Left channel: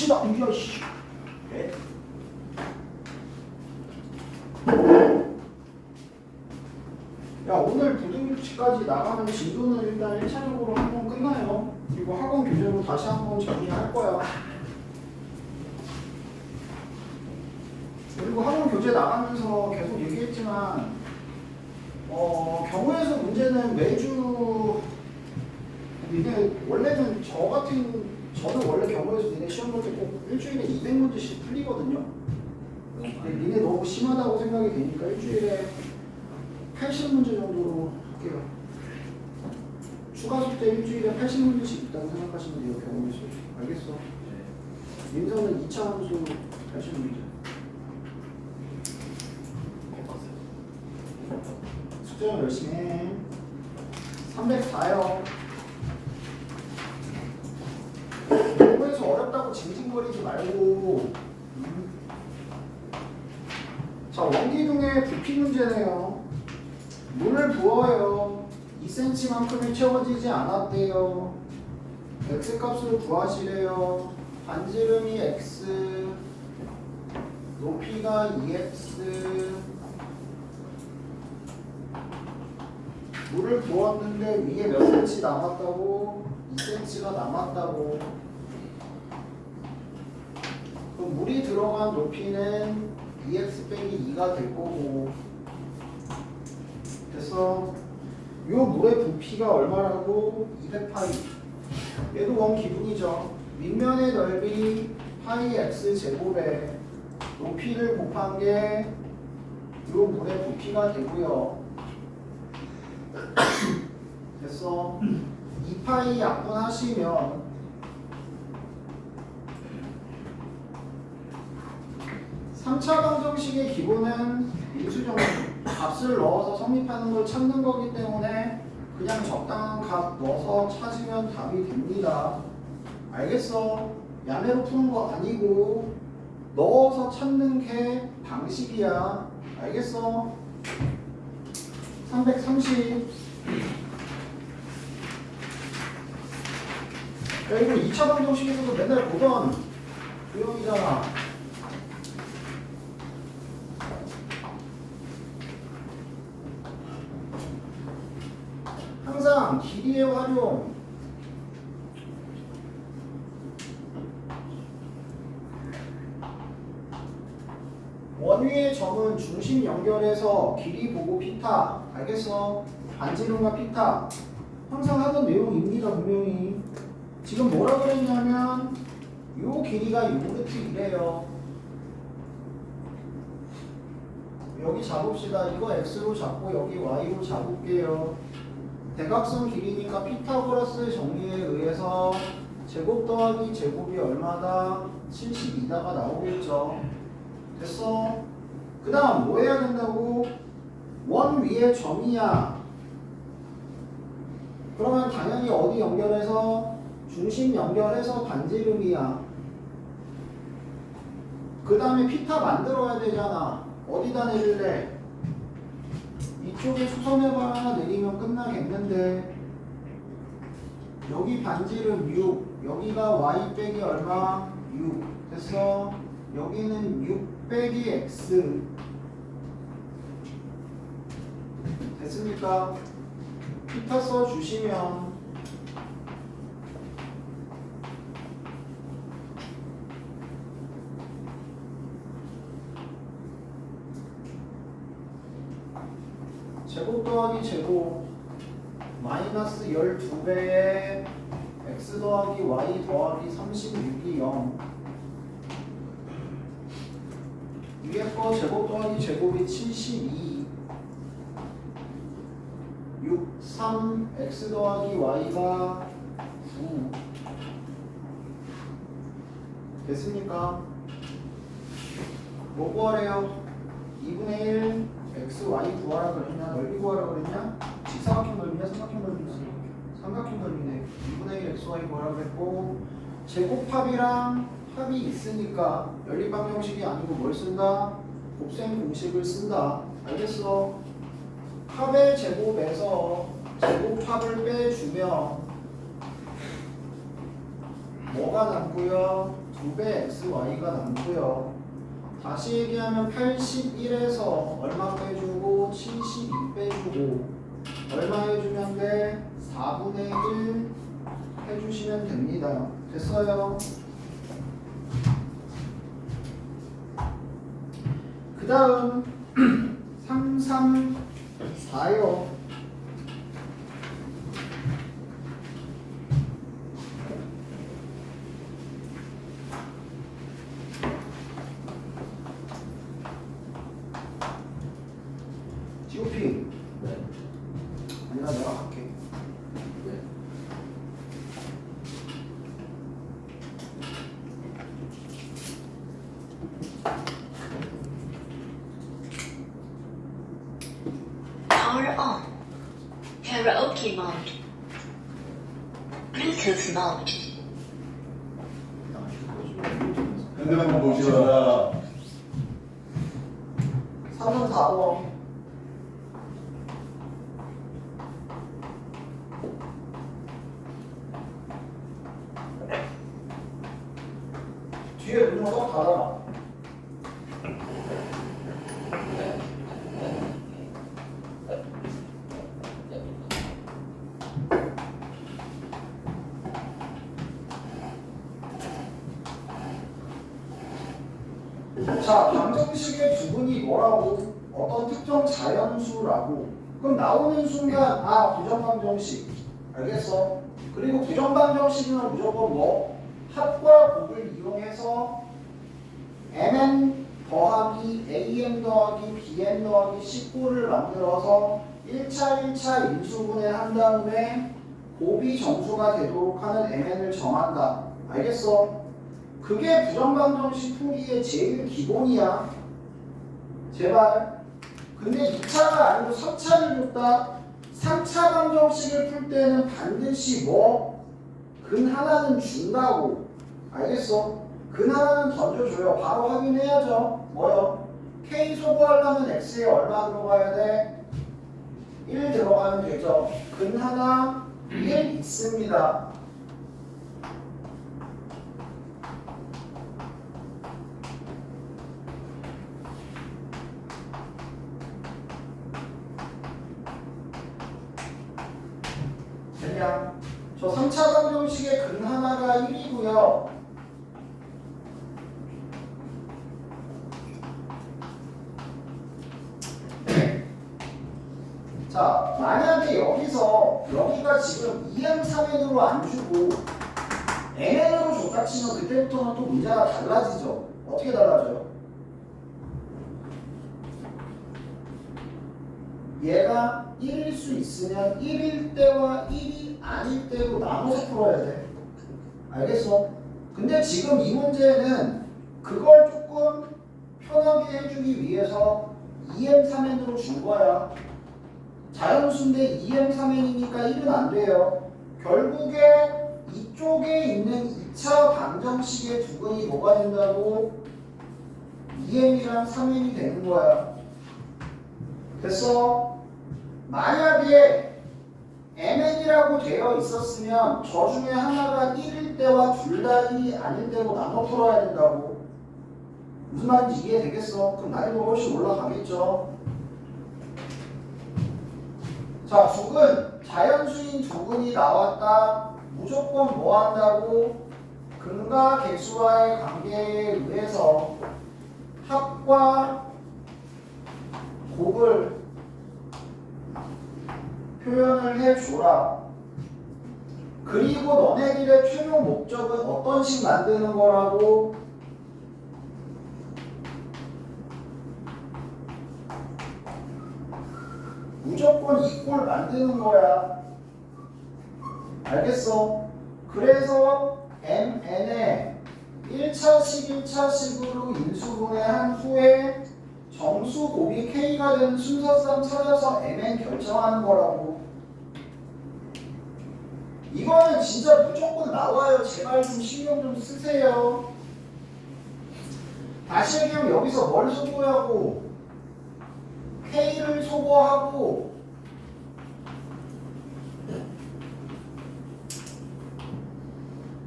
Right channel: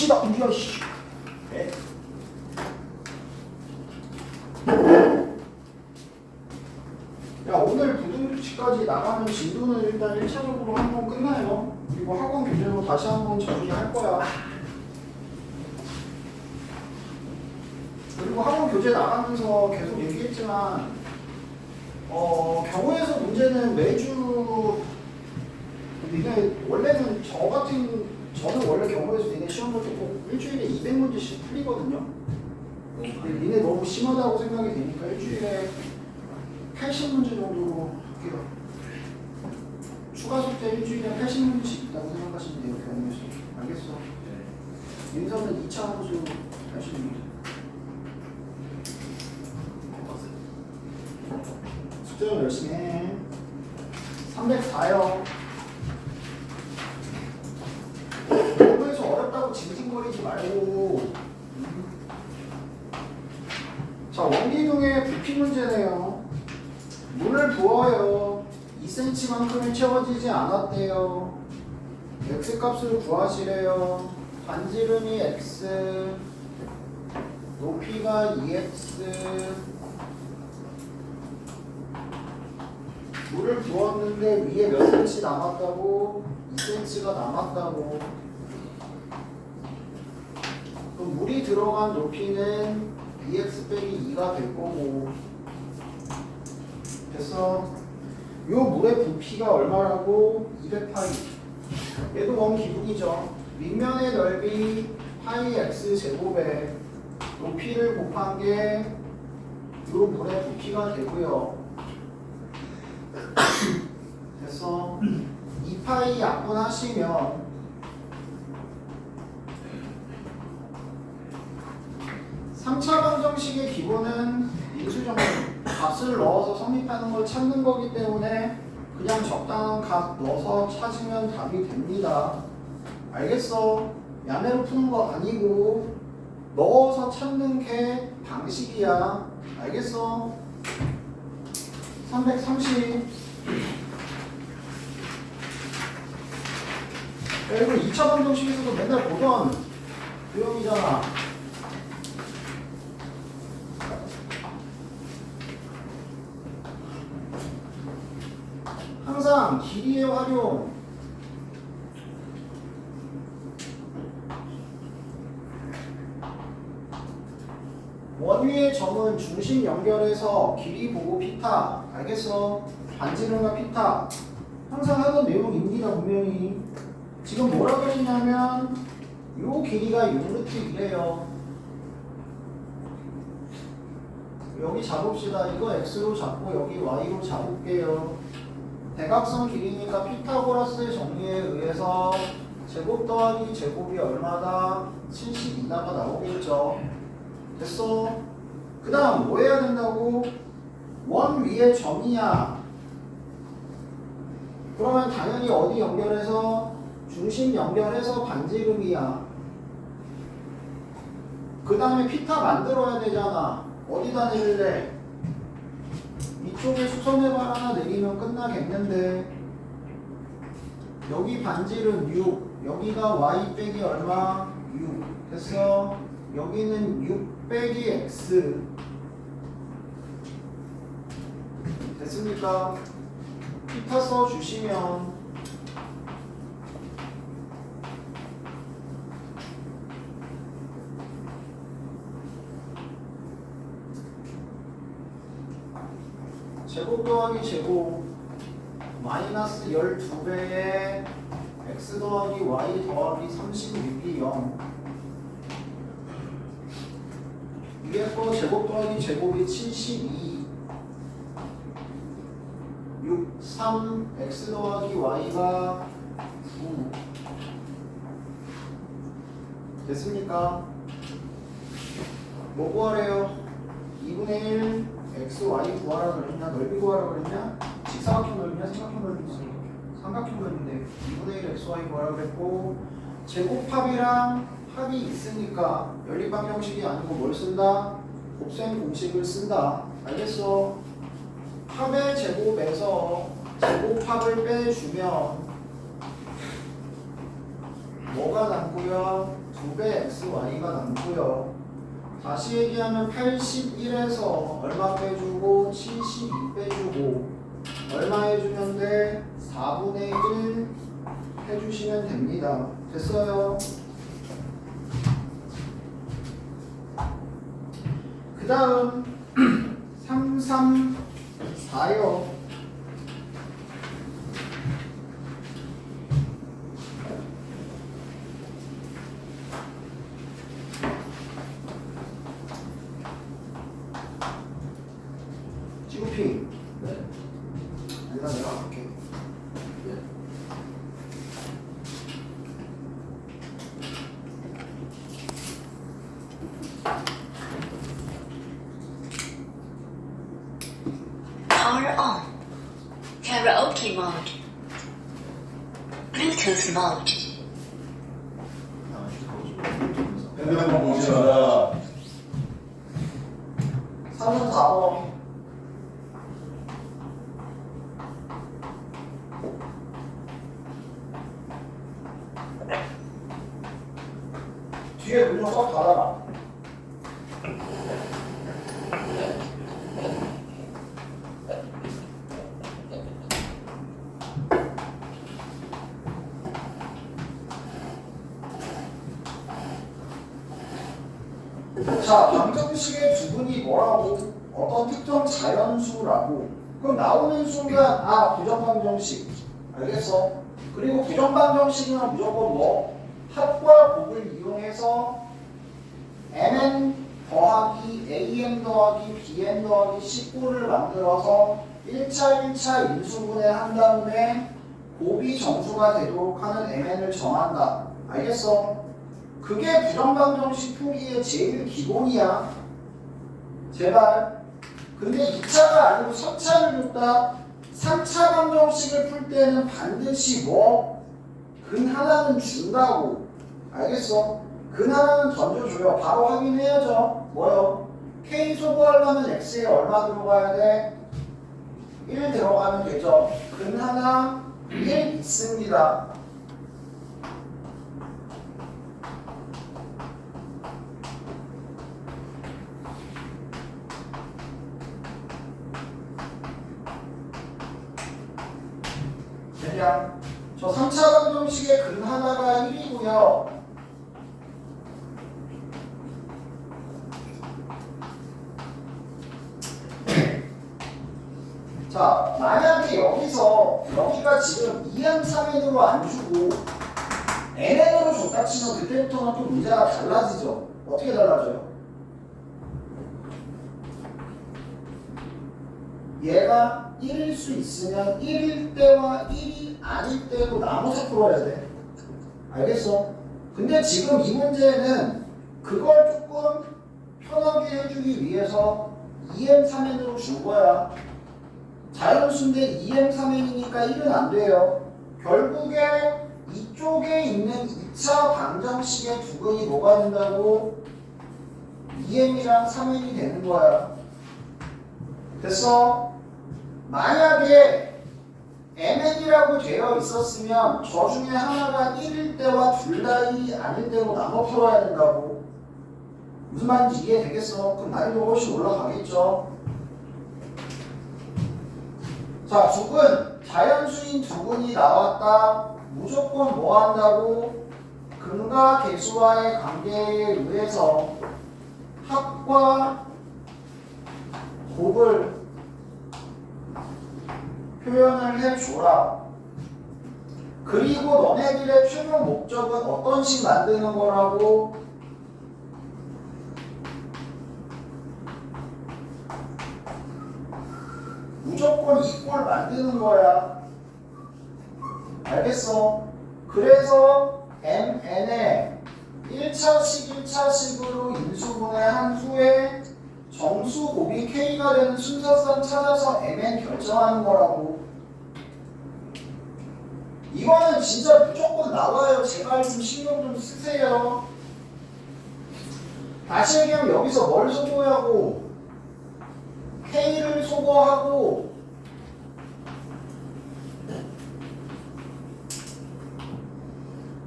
씨발 우야 씨. 네? 야 오늘 부등식까지 나가는 진도는 일단 1차적으로 한번 끝나요. 그리고 학원 교재로 다시 한번 정리할 거야. 그리고 학원 교재 나가면서 계속 얘기했지만 경우에서 문제는 매주 니네 원래는 저는 원래 경우에서 니네 시험 볼 때 꼭 일주일에 200문제씩 풀리거든요. 근데 니네 너무 심하다고 생각이 되니까 일주일에 80문제 정도로 할게요. 추가 숙제 일주일에 80문제씩 있다고 생각하시면 돼요. 경우에서. 알겠어? 네. 민서는 2차 함수 80문제. 숙제는 열심히 해. 304요. 공부해서 어렵다고 징징거리지 말고. 자, 원기둥의 부피 문제네요. 물을 부어요. 2cm만큼이 채워지지 않았대요. x값을 구하시래요. 반지름이 x, 높이가 2x. 물을 부었는데 위에 몇 cm 남았다고? 2cm가 남았다고. 그럼 물이 들어간 높이는 2x 빼기 2가 될 거고. 됐어? 요 물의 부피가 얼마라고? 200파이. 얘도 원기둥이죠. 윗면의 넓이 파이 x 제곱에 높이를 곱한 게 요 물의 부피가 되고요. 됐어? 2파이 약분하시면 삼차 방정식의 기본은 인수정리 값을 넣어서 성립하는 걸 찾는 거기 때문에 그냥 적당한 값 넣어서 찾으면 답이 됩니다. 알겠어? 야매로 푸는 거 아니고 넣어서 찾는 게 방식이야. 알겠어? 330. 야, 이거 2차 방정식에서도 맨날 보던 유형이잖아. 항상 길이의 활용. 원위의 점은 중심 연결해서 길이 보고 피타. 알겠어? 반지름과 피타. 항상 하던 내용입니다. 분명히. 지금 뭐라 그랬냐면 요 길이가 6루트 2래요. 여기 잡읍시다. 이거 x로 잡고 여기 y로 잡을게요. 대각선 길이니까 피타고라스의 정리에 의해서 제곱 더하기 제곱이 얼마다? 72다가 나오겠죠. 됐어? 그 다음 뭐 해야 된다고? 원 위에 점이야. 그러면 당연히 어디 연결해서? 중심 연결해서 반지름이야. 그 다음에 피타 만들어야 되잖아. 어디다 내릴래? 이쪽에 수선해발 하나 내리면 끝나겠는데. 여기 반지름 6, 여기가 y 빼기 얼마? 6. 됐어? 여기는 6 빼기 x. 됐습니까? 피타 써주시면 제곱 더하기 제곱 마이너스 12배에 x 더하기 y 더하기 36이 0. 위에 거 제곱 더하기 제곱이 72. 6, 3, x 더하기 y가 9. 됐습니까? 뭐 구하래요? 2분의 1 x, y 구하라 그랬냐? 넓이 구하라 그랬냐? 직사각형 넓이냐? 삼각형 넓이냐? 삼각형 넓이인데 2분의 1 x, y 구하라 그랬고 제곱합이랑 합이 있으니까 연립방정식이 아니고 뭘 쓴다? 곱셈 공식을 쓴다. 알겠어? 합의 제곱에서 제곱합을 빼주면 뭐가 남고요? 2배 xy가 남고요. 다시 얘기하면 81에서 얼마 빼주고 72 빼주고 얼마 해주면 돼? 4분의 1 해주시면 됩니다. 됐어요? 그 다음 3, 3, 4요. 지우피. 네. 아니다, 내가 갈게. 네. Power on. Karaoke mode. Bluetooth mode. 핸드폰 보지 마라. 3은 4번. 뒤에 문좀 쏙 닫아라. 자, 방정식의 두분이 뭐라고? 어떤 특정 자연수라고. 그럼 나오는 순간 아, 부정방정식. 알겠어? 그리고 부정방정식은 무조건 뭐? 합과 곱을 이용해서 mn 더하기 am 더하기 bn 더하기 19를 만들어서 1차 인수분해 한 다음에 곱이 정수가 되도록 하는 mn을 정한다. 알겠어? 그게 부정방정식 풀이의 제일 기본이야. 제발. 근데 2차가 아니고 3차를 줬다. 3차 방정식을 풀 때는 반드시 뭐? 근 하나는 준다고. 알겠어? 근 하나는 던져줘요. 바로 확인해야죠. 뭐요? K 소부하려면 X에 얼마 들어가야 돼? 1 들어가면 되죠. 근 하나 1 있습니다. 그냥 저 3차 방정식의 근 하나가 1이고요. 자, 만약에 여기가 지금 2m 3n으로 안 주고 nn으로 줬다 치면 그때부터는 또 문제가 달라지죠. 어떻게 달라져요? 얘가 1일 수 있으면 1일 때와 1이 아닐 때로 나눠서 풀어야 돼. 알겠어? 근데 지금 이 문제는 그걸 조금 편하게 해주기 위해서 2m3n으로 준 거야. 자연수인데 2m3n이니까 1은 안 돼요. 결국에 이쪽에 있는 2차 방정식의 두근이 뭐가 된다고? 2m이랑 3n이 되는 거야. 됐어? 만약에 mn이라고 되어 있었으면 저 중에 하나가 1일 때와 둘 다 1이 아닐 때로 나눠 풀어야 된다고. 무슨 말인지 이해되겠어? 그럼 난이도 훨씬 올라가겠죠? 자, 두근, 자연수인 두근이 나왔다. 무조건 뭐 한다고? 근과 객수와의 관계에 의해서 합과 곱을 표현을 해줘라. 그리고 너네들의 최종 목적은 어떤 식 만드는 거라고? 무조건 이꼴 만드는 거야. 알겠어? 그래서 mn에 1차식 1차식으로 인수분해한 후에 정수 곱이 k가 되는 순서상 찾아서 mn 결정하는 거라고. 이거는 진짜 무조건 나와요. 제발 좀 신경 좀 쓰세요. 다시 얘기하면 여기서 뭘 소거하고 k를 소거하고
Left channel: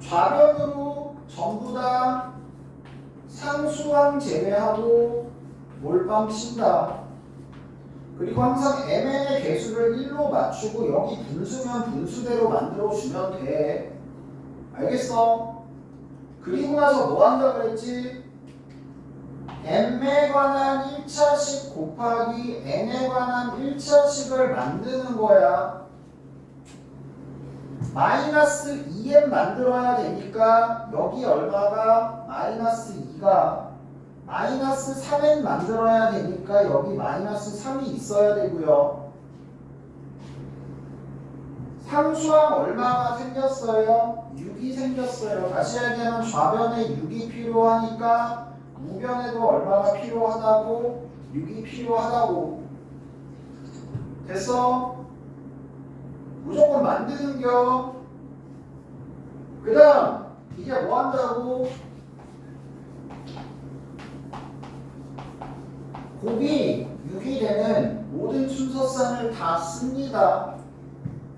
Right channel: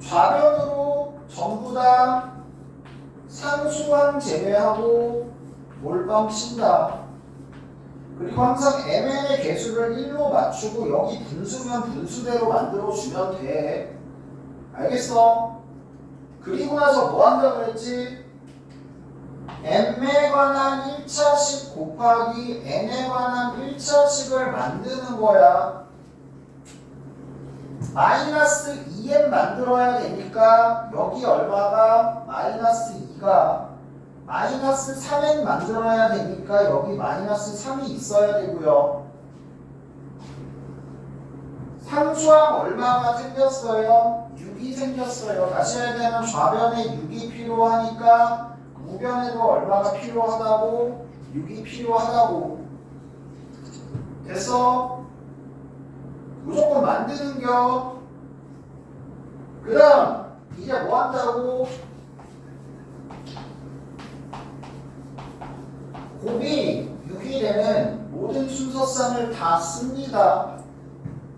좌변으로 전부 다 상수항 제외하고 몰빵 친다. 그리고 항상 mn의 개수를 1로 맞추고 여기 분수면 분수대로 만들어주면 돼. 알겠어? 그리고 나서 뭐 한다 그랬지? m에 관한 1차식 곱하기 n에 관한 1차식을 만드는 거야. 마이너스 2n 만들어야 되니까 여기 얼마가? 마이너스 2가 마이너스 3n 만들어야 되니까 여기 마이너스 3이 있어야 되고요. 상수항 얼마가 생겼어요? 6이 생겼어요. 다시 얘기하면 좌변에 6이 필요하니까 우변에도 얼마가 필요하다고? 6이 필요하다고. 됐어? 무조건 만드는겨. 그 다음 이제 뭐 한다고? 곱이 6이 되는 모든 순서쌍을 다 씁니다.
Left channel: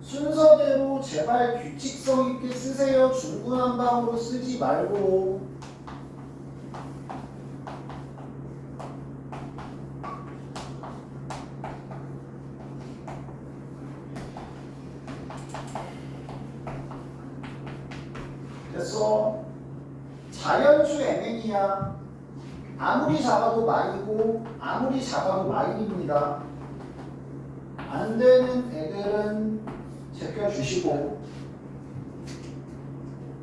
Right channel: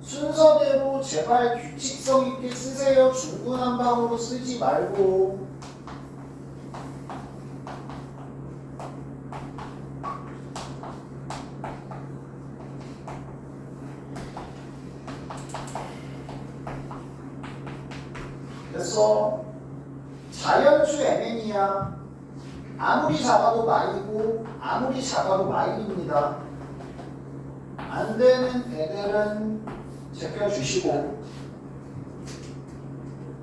순서대로 제발 규칙성 있게 쓰세요. 중구난방으로 쓰지 말고. 됐어? 자연수 mn이야. 아무리 작아도 마일이고 아무리 작아도 마일입니다. 안 되는 애들은 제껴주시고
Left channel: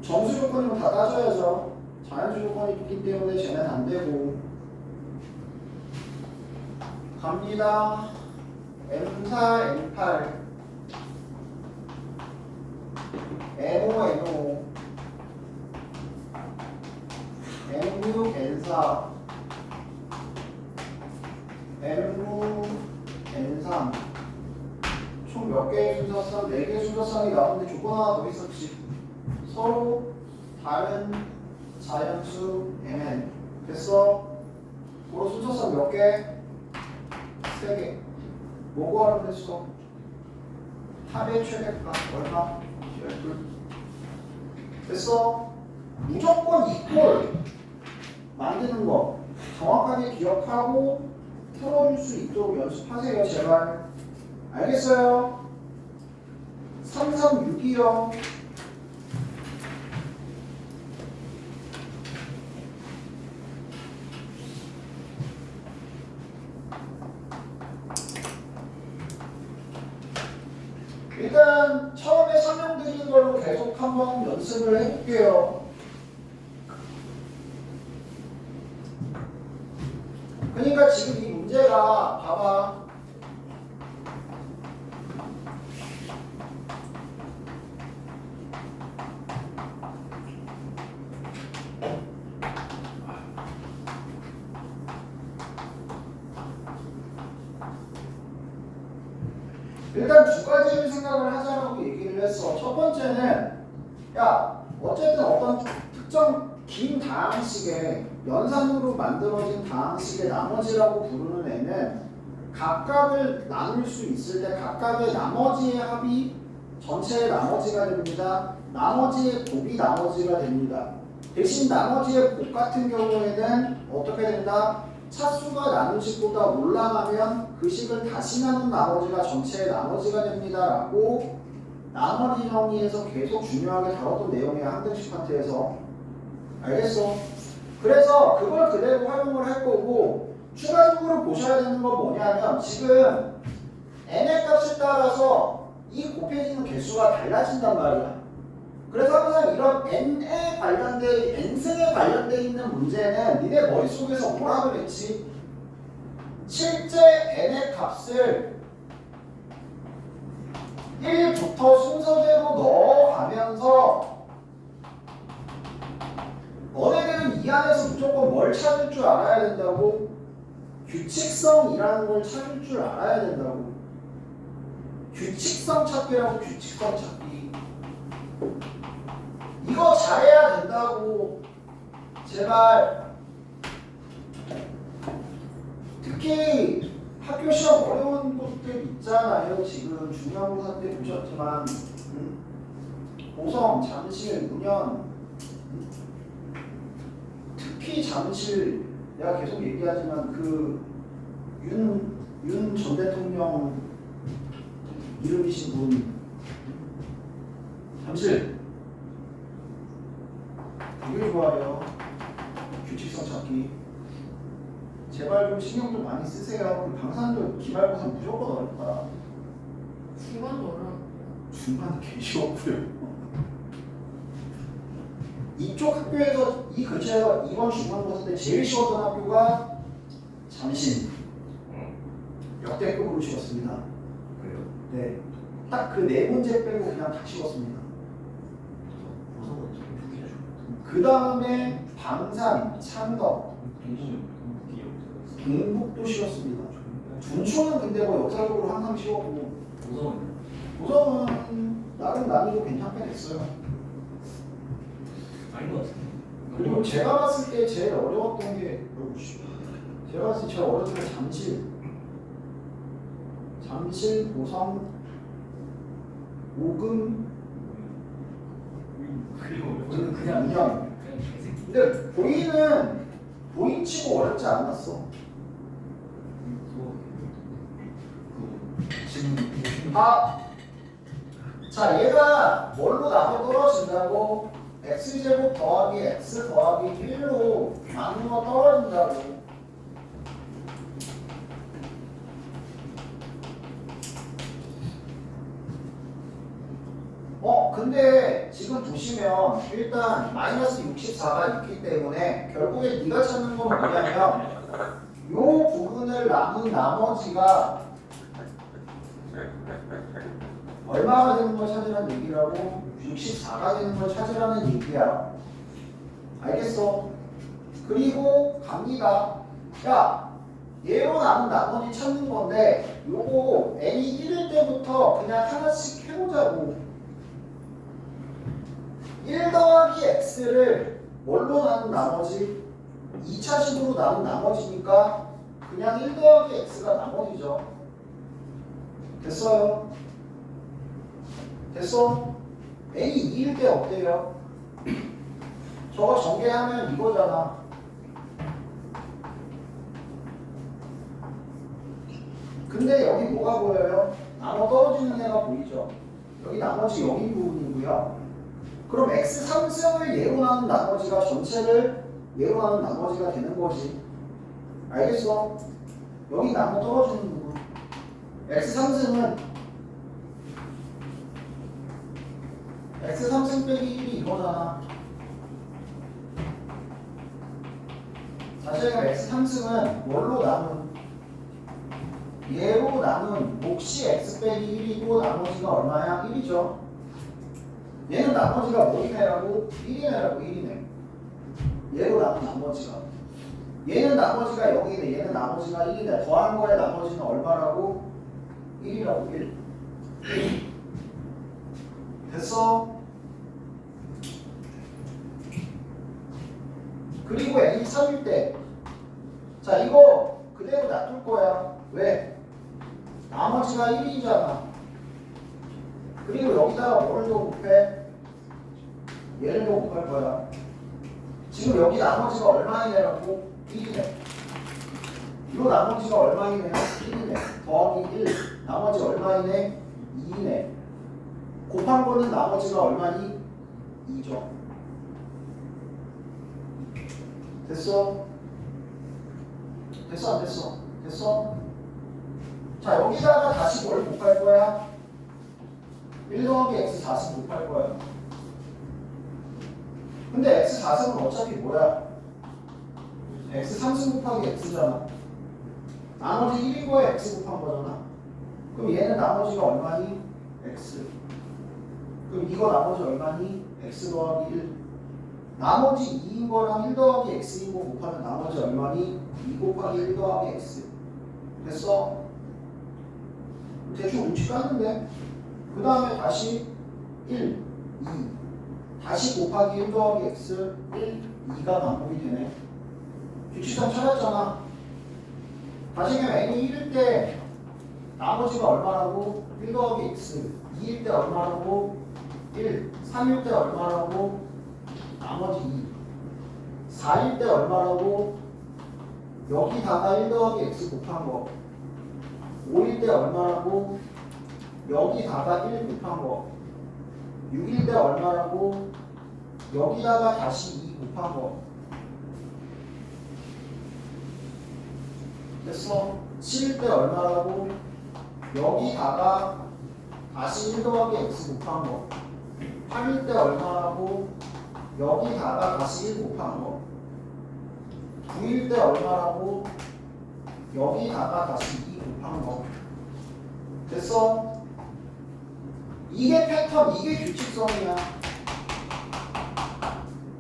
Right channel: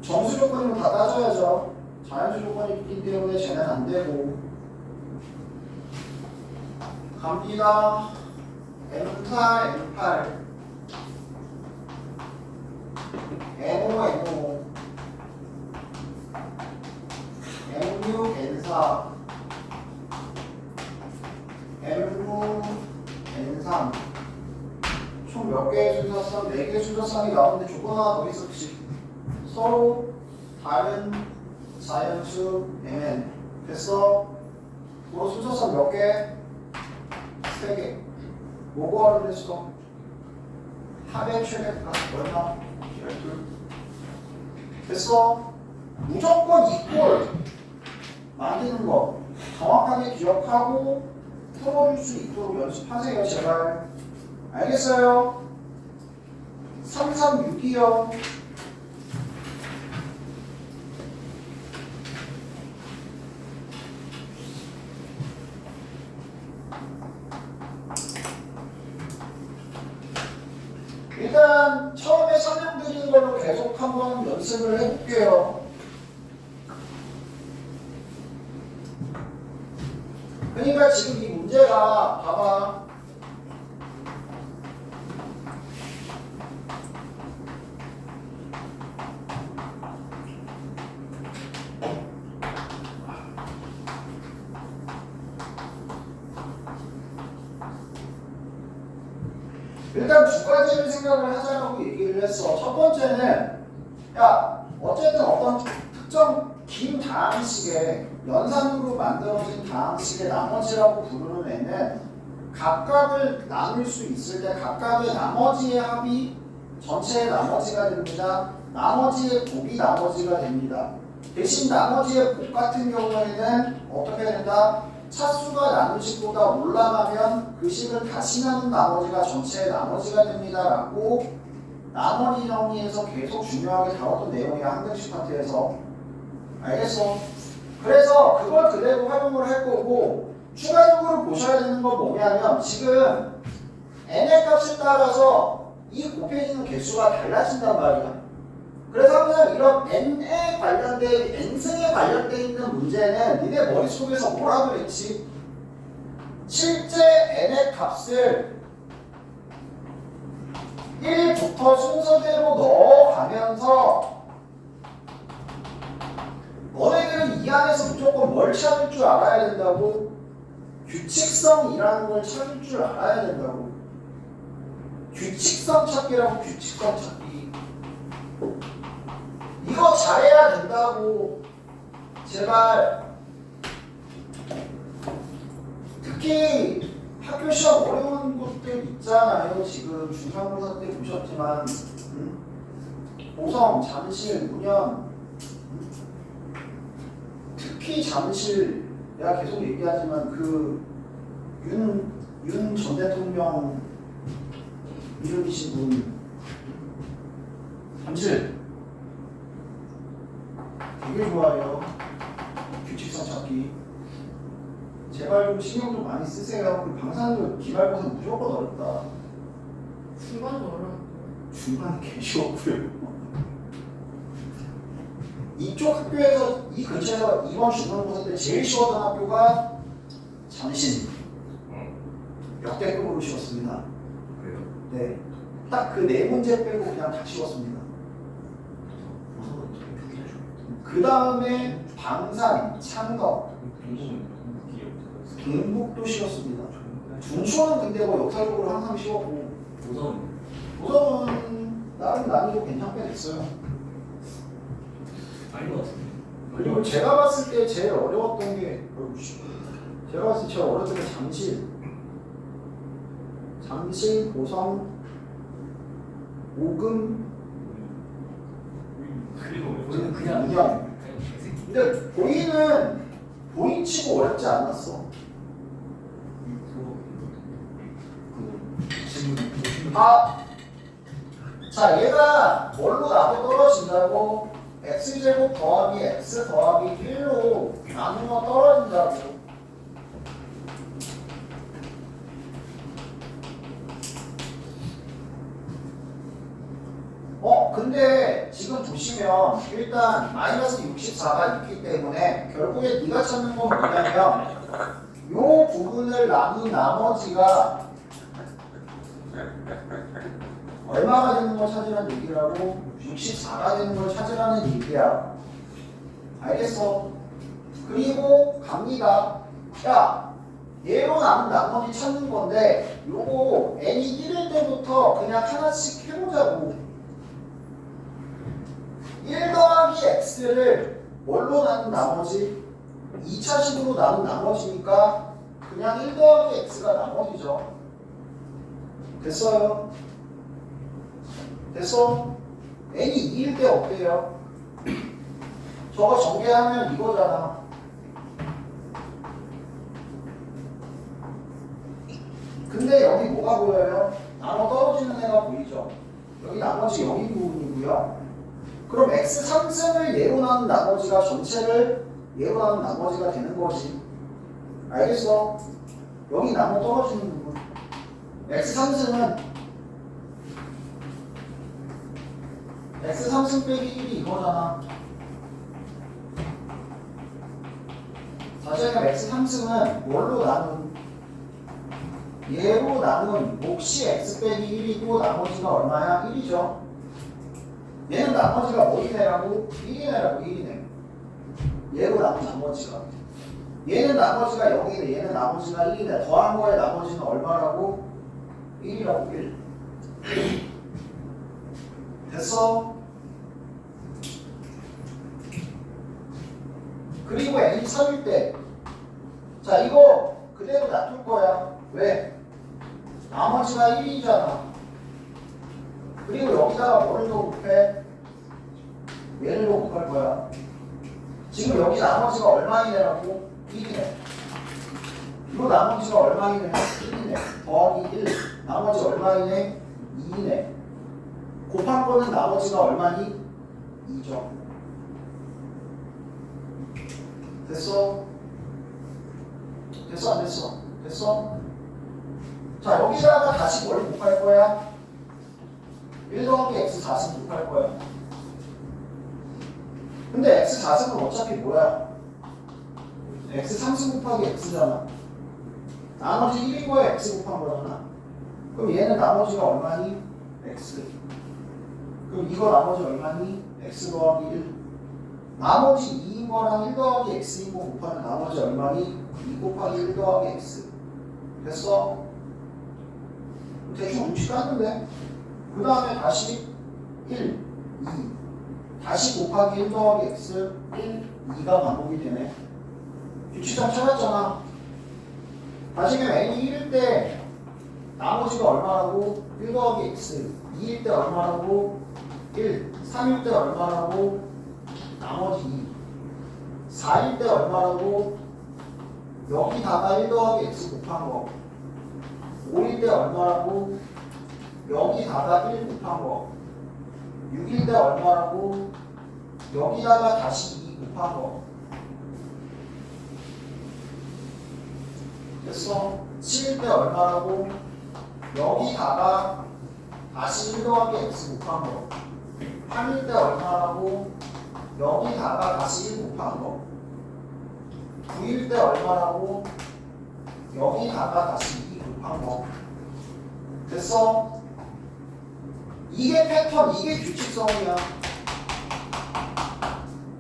정수 조건이면 다 따져야죠. 자연수 조건이 있기 때문에 쟤는 안 되고. 갑니다. M4, M8 N5, N5 N6, N4 M9, N3 총 몇 개의 순서쌍? 4개의 순서쌍이 나오는데 조건 하나 더 있었지. 서로 다른 자연수 mn. 됐어? 그럼 순서쌍 몇 개? 3개. 뭐 구하면 됐어? 합의 최대값 얼마? 12. 됐어? 무조건 이꼴 만드는 거 정확하게 기억하고 풀어줄 수 있도록 연습하세요. 제발. 알겠어요? 336이요. 일단 처음에 설명드린 걸로 계속 한번 연습을 해볼게요. 그러니까 지금 이 문제가 봐봐. 일단 두 가지를 생각을 하자라고 얘기를 했어. 첫 번째는 야 어쨌든 어떤 특정 긴 다항식의 연산으로 만들어진 다항식의 나머지라고 부르는 애는 각각을 나눌 수 있을 때 각각의 나머지의 합이 전체의 나머지가 됩니다. 나머지의 곱이 나머지가 됩니다. 대신 나머지의 곱 같은 경우에는 어떻게 된다? 차수가 나눈 식보다 올라가면 그 식을 다시 나눈 나머지가 전체의 나머지가 됩니다. 라고 나머지 정리에서 계속 중요하게 다뤘던 내용이야. 한등식 파트에서. 알겠어? 그래서 그걸 그대로 활용을 할 거고 추가적으로 보셔야 되는 건 뭐냐면 지금 n의 값에 따라서 이 곱해지는 개수가 달라진단 말이야. 그래서 항상 이런 n에 관련된 n승에 관련된 있는 문제는 니네 머릿속에서 뭐라 그랬지? 실제 n의 값을 1부터 순서대로 넣어가면서 너네들은 이 안에서 무조건 뭘 찾을 줄 알아야 된다고? 규칙성이라는 걸 찾을 줄 알아야 된다고. 규칙성 찾기라고. 규칙성 찾기. 이거 잘해야 된다고. 제발. 특히 학교 시험 어려운 것들 있잖아요. 지금 중간고사 때 보셨지만 고성, 잠실, 문현 특히 잠실 내가 계속 얘기하지만 그 윤 전 대통령 이름이신 분 잠실 되게 좋아해요. 규칙성 찾기. 제발 좀 신경 좀 많이 쓰세요. 우리 방산도 기말고사 무조건 어렵다. 중간도 어려워. 중간은 개 쉬웠고요. 이쪽 학교에서 이 근처에서 이번 중간고사 때 제일 쉬웠던 학교가 잠실. 역대급으로 쉬웠습니다. 그래요? 네, 딱 그 네 문제 빼고 그냥 다 쉬웠습니다. 무서워. 저기 좋겠다. 그 다음에 방산, 창덕, 경북도 쉬웠습니다. 중초는 근데 뭐 역사적으로 항상 쉬웠고 우선 도성은 나름 난이도 괜찮게 됐어요. 아닌 것 같은데. 그리고 제가 봤을 때 제일 어려웠던 게 제가 봤을 때 제일 어려웠던 게 잠실, 고성, 오금, 그리고 그냥 문양. 근데 보이치고 어렵지 않았어. 자, 얘가 뭘로 나고 떨어진다고? x제곱 더하기 x 더하기 1로 나누면 떨어진다고. 근데 지금 보시면 일단 마이너스 64가 있기 때문에 결국에 네가 찾는 건 뭐냐면 요 부분을 남은 나머지가 얼마가 되는 걸 찾으라는 얘기라고? 64가 되는 걸 찾으라는 얘기야. 알겠어? 그리고 갑니다. 야, 얘로 남은 나머지 찾는 건데 요거 n이 1일 때부터 그냥 하나씩 해보자고. 1 더하기 x를 뭘로 나눈 나머지? 2차식으로 나눈 나머지니까 그냥 1 더하기 x가 나머지죠. 됐어요? 됐어? n이 2일 때 어때요? 저거 전개하면 이거잖아. 근데 여기 뭐가 보여요? 나눠 떨어지는 애가 보이죠? 여기 나머지 여기 부분이고요. 그럼 x 3승을 예로 나눈 나머지가 전체를 예로 나눈 나머지가 되는 거지. 알겠어? 여기 나눠 떨어지는 부분. x 3승은 x 3승 빼기 1이 이거잖아. 다시 얘기하면 x 3승은 뭘로 나눈? 얘로 나눈 몫이 x 빼기 1이고 나머지가 얼마야? 1이죠. 얘는 나머지가 뭐이네라고? 1이네라고 1이네. 얘로 나눈 나머지가. 얘는 나머지가 0이네. 얘는 나머지가 1이네. 더한 거에 나머지는 얼마라고? 1이라고 1. 됐어? 그리고 n이 3일 때. 자, 이거 그대로 놔둘 거야. 왜? 나머지가 1이잖아. 그리고 여기다가 뭐를 더 곱해? 얘를 더 곱할 거야. 지금 여기 나머지가 얼마이네라고? 1이네. 이 나머지가 얼마이네? 1이네. 더하기 1. 나머지 얼마이네? 2이네. 곱한 거는 나머지가 얼마니? 2죠. 됐어? 됐어 안 됐어? 됐어? 자, 여기다가 다시 뭘 곱할 거야? 1 더하기 x 4승 곱할 거야. 근데 x 4승은 어차피 뭐야? x 3승 곱하기 x잖아. 나머지 1인 거에 x 곱한 거잖아. 그럼 얘는 나머지가 얼마니? x. 그럼 이거 나머지 얼마니? x 더하기 1. 나머지 2인 거랑 1 더하기 x인 거 곱하면 나머지 얼마니? 2 곱하기 1 더하기 x. 됐어? 대충 공식 깠는데 그 다음에 다시 1, 2 다시 곱하기 1 더하기 x 1, 2가 반복이 되네. 규칙성 찾았잖아. 다시 그냥 n이 1일 때 나머지가 얼마라고? 1 더하기 x 2일 때 얼마라고? 1 3일 때 얼마라고? 나머지 2 4일 때 얼마라고? 여기다가 1 더하기 x 곱한 거. 5일 때 얼마라고? 여기다가 1 곱한 거. 6일 때 얼마라고? 여기다가 다시 2 곱한 거. 됐어? 7일 때 얼마라고? 여기다가 다시 1 더하기 x 곱한 거. 8일 때 얼마라고? 여기다가 다시 1 곱한 거. 9일 때 얼마라고? 여기다가 다시 2 곱한 거. 됐어? 이게 패턴, 이게 규칙성이야.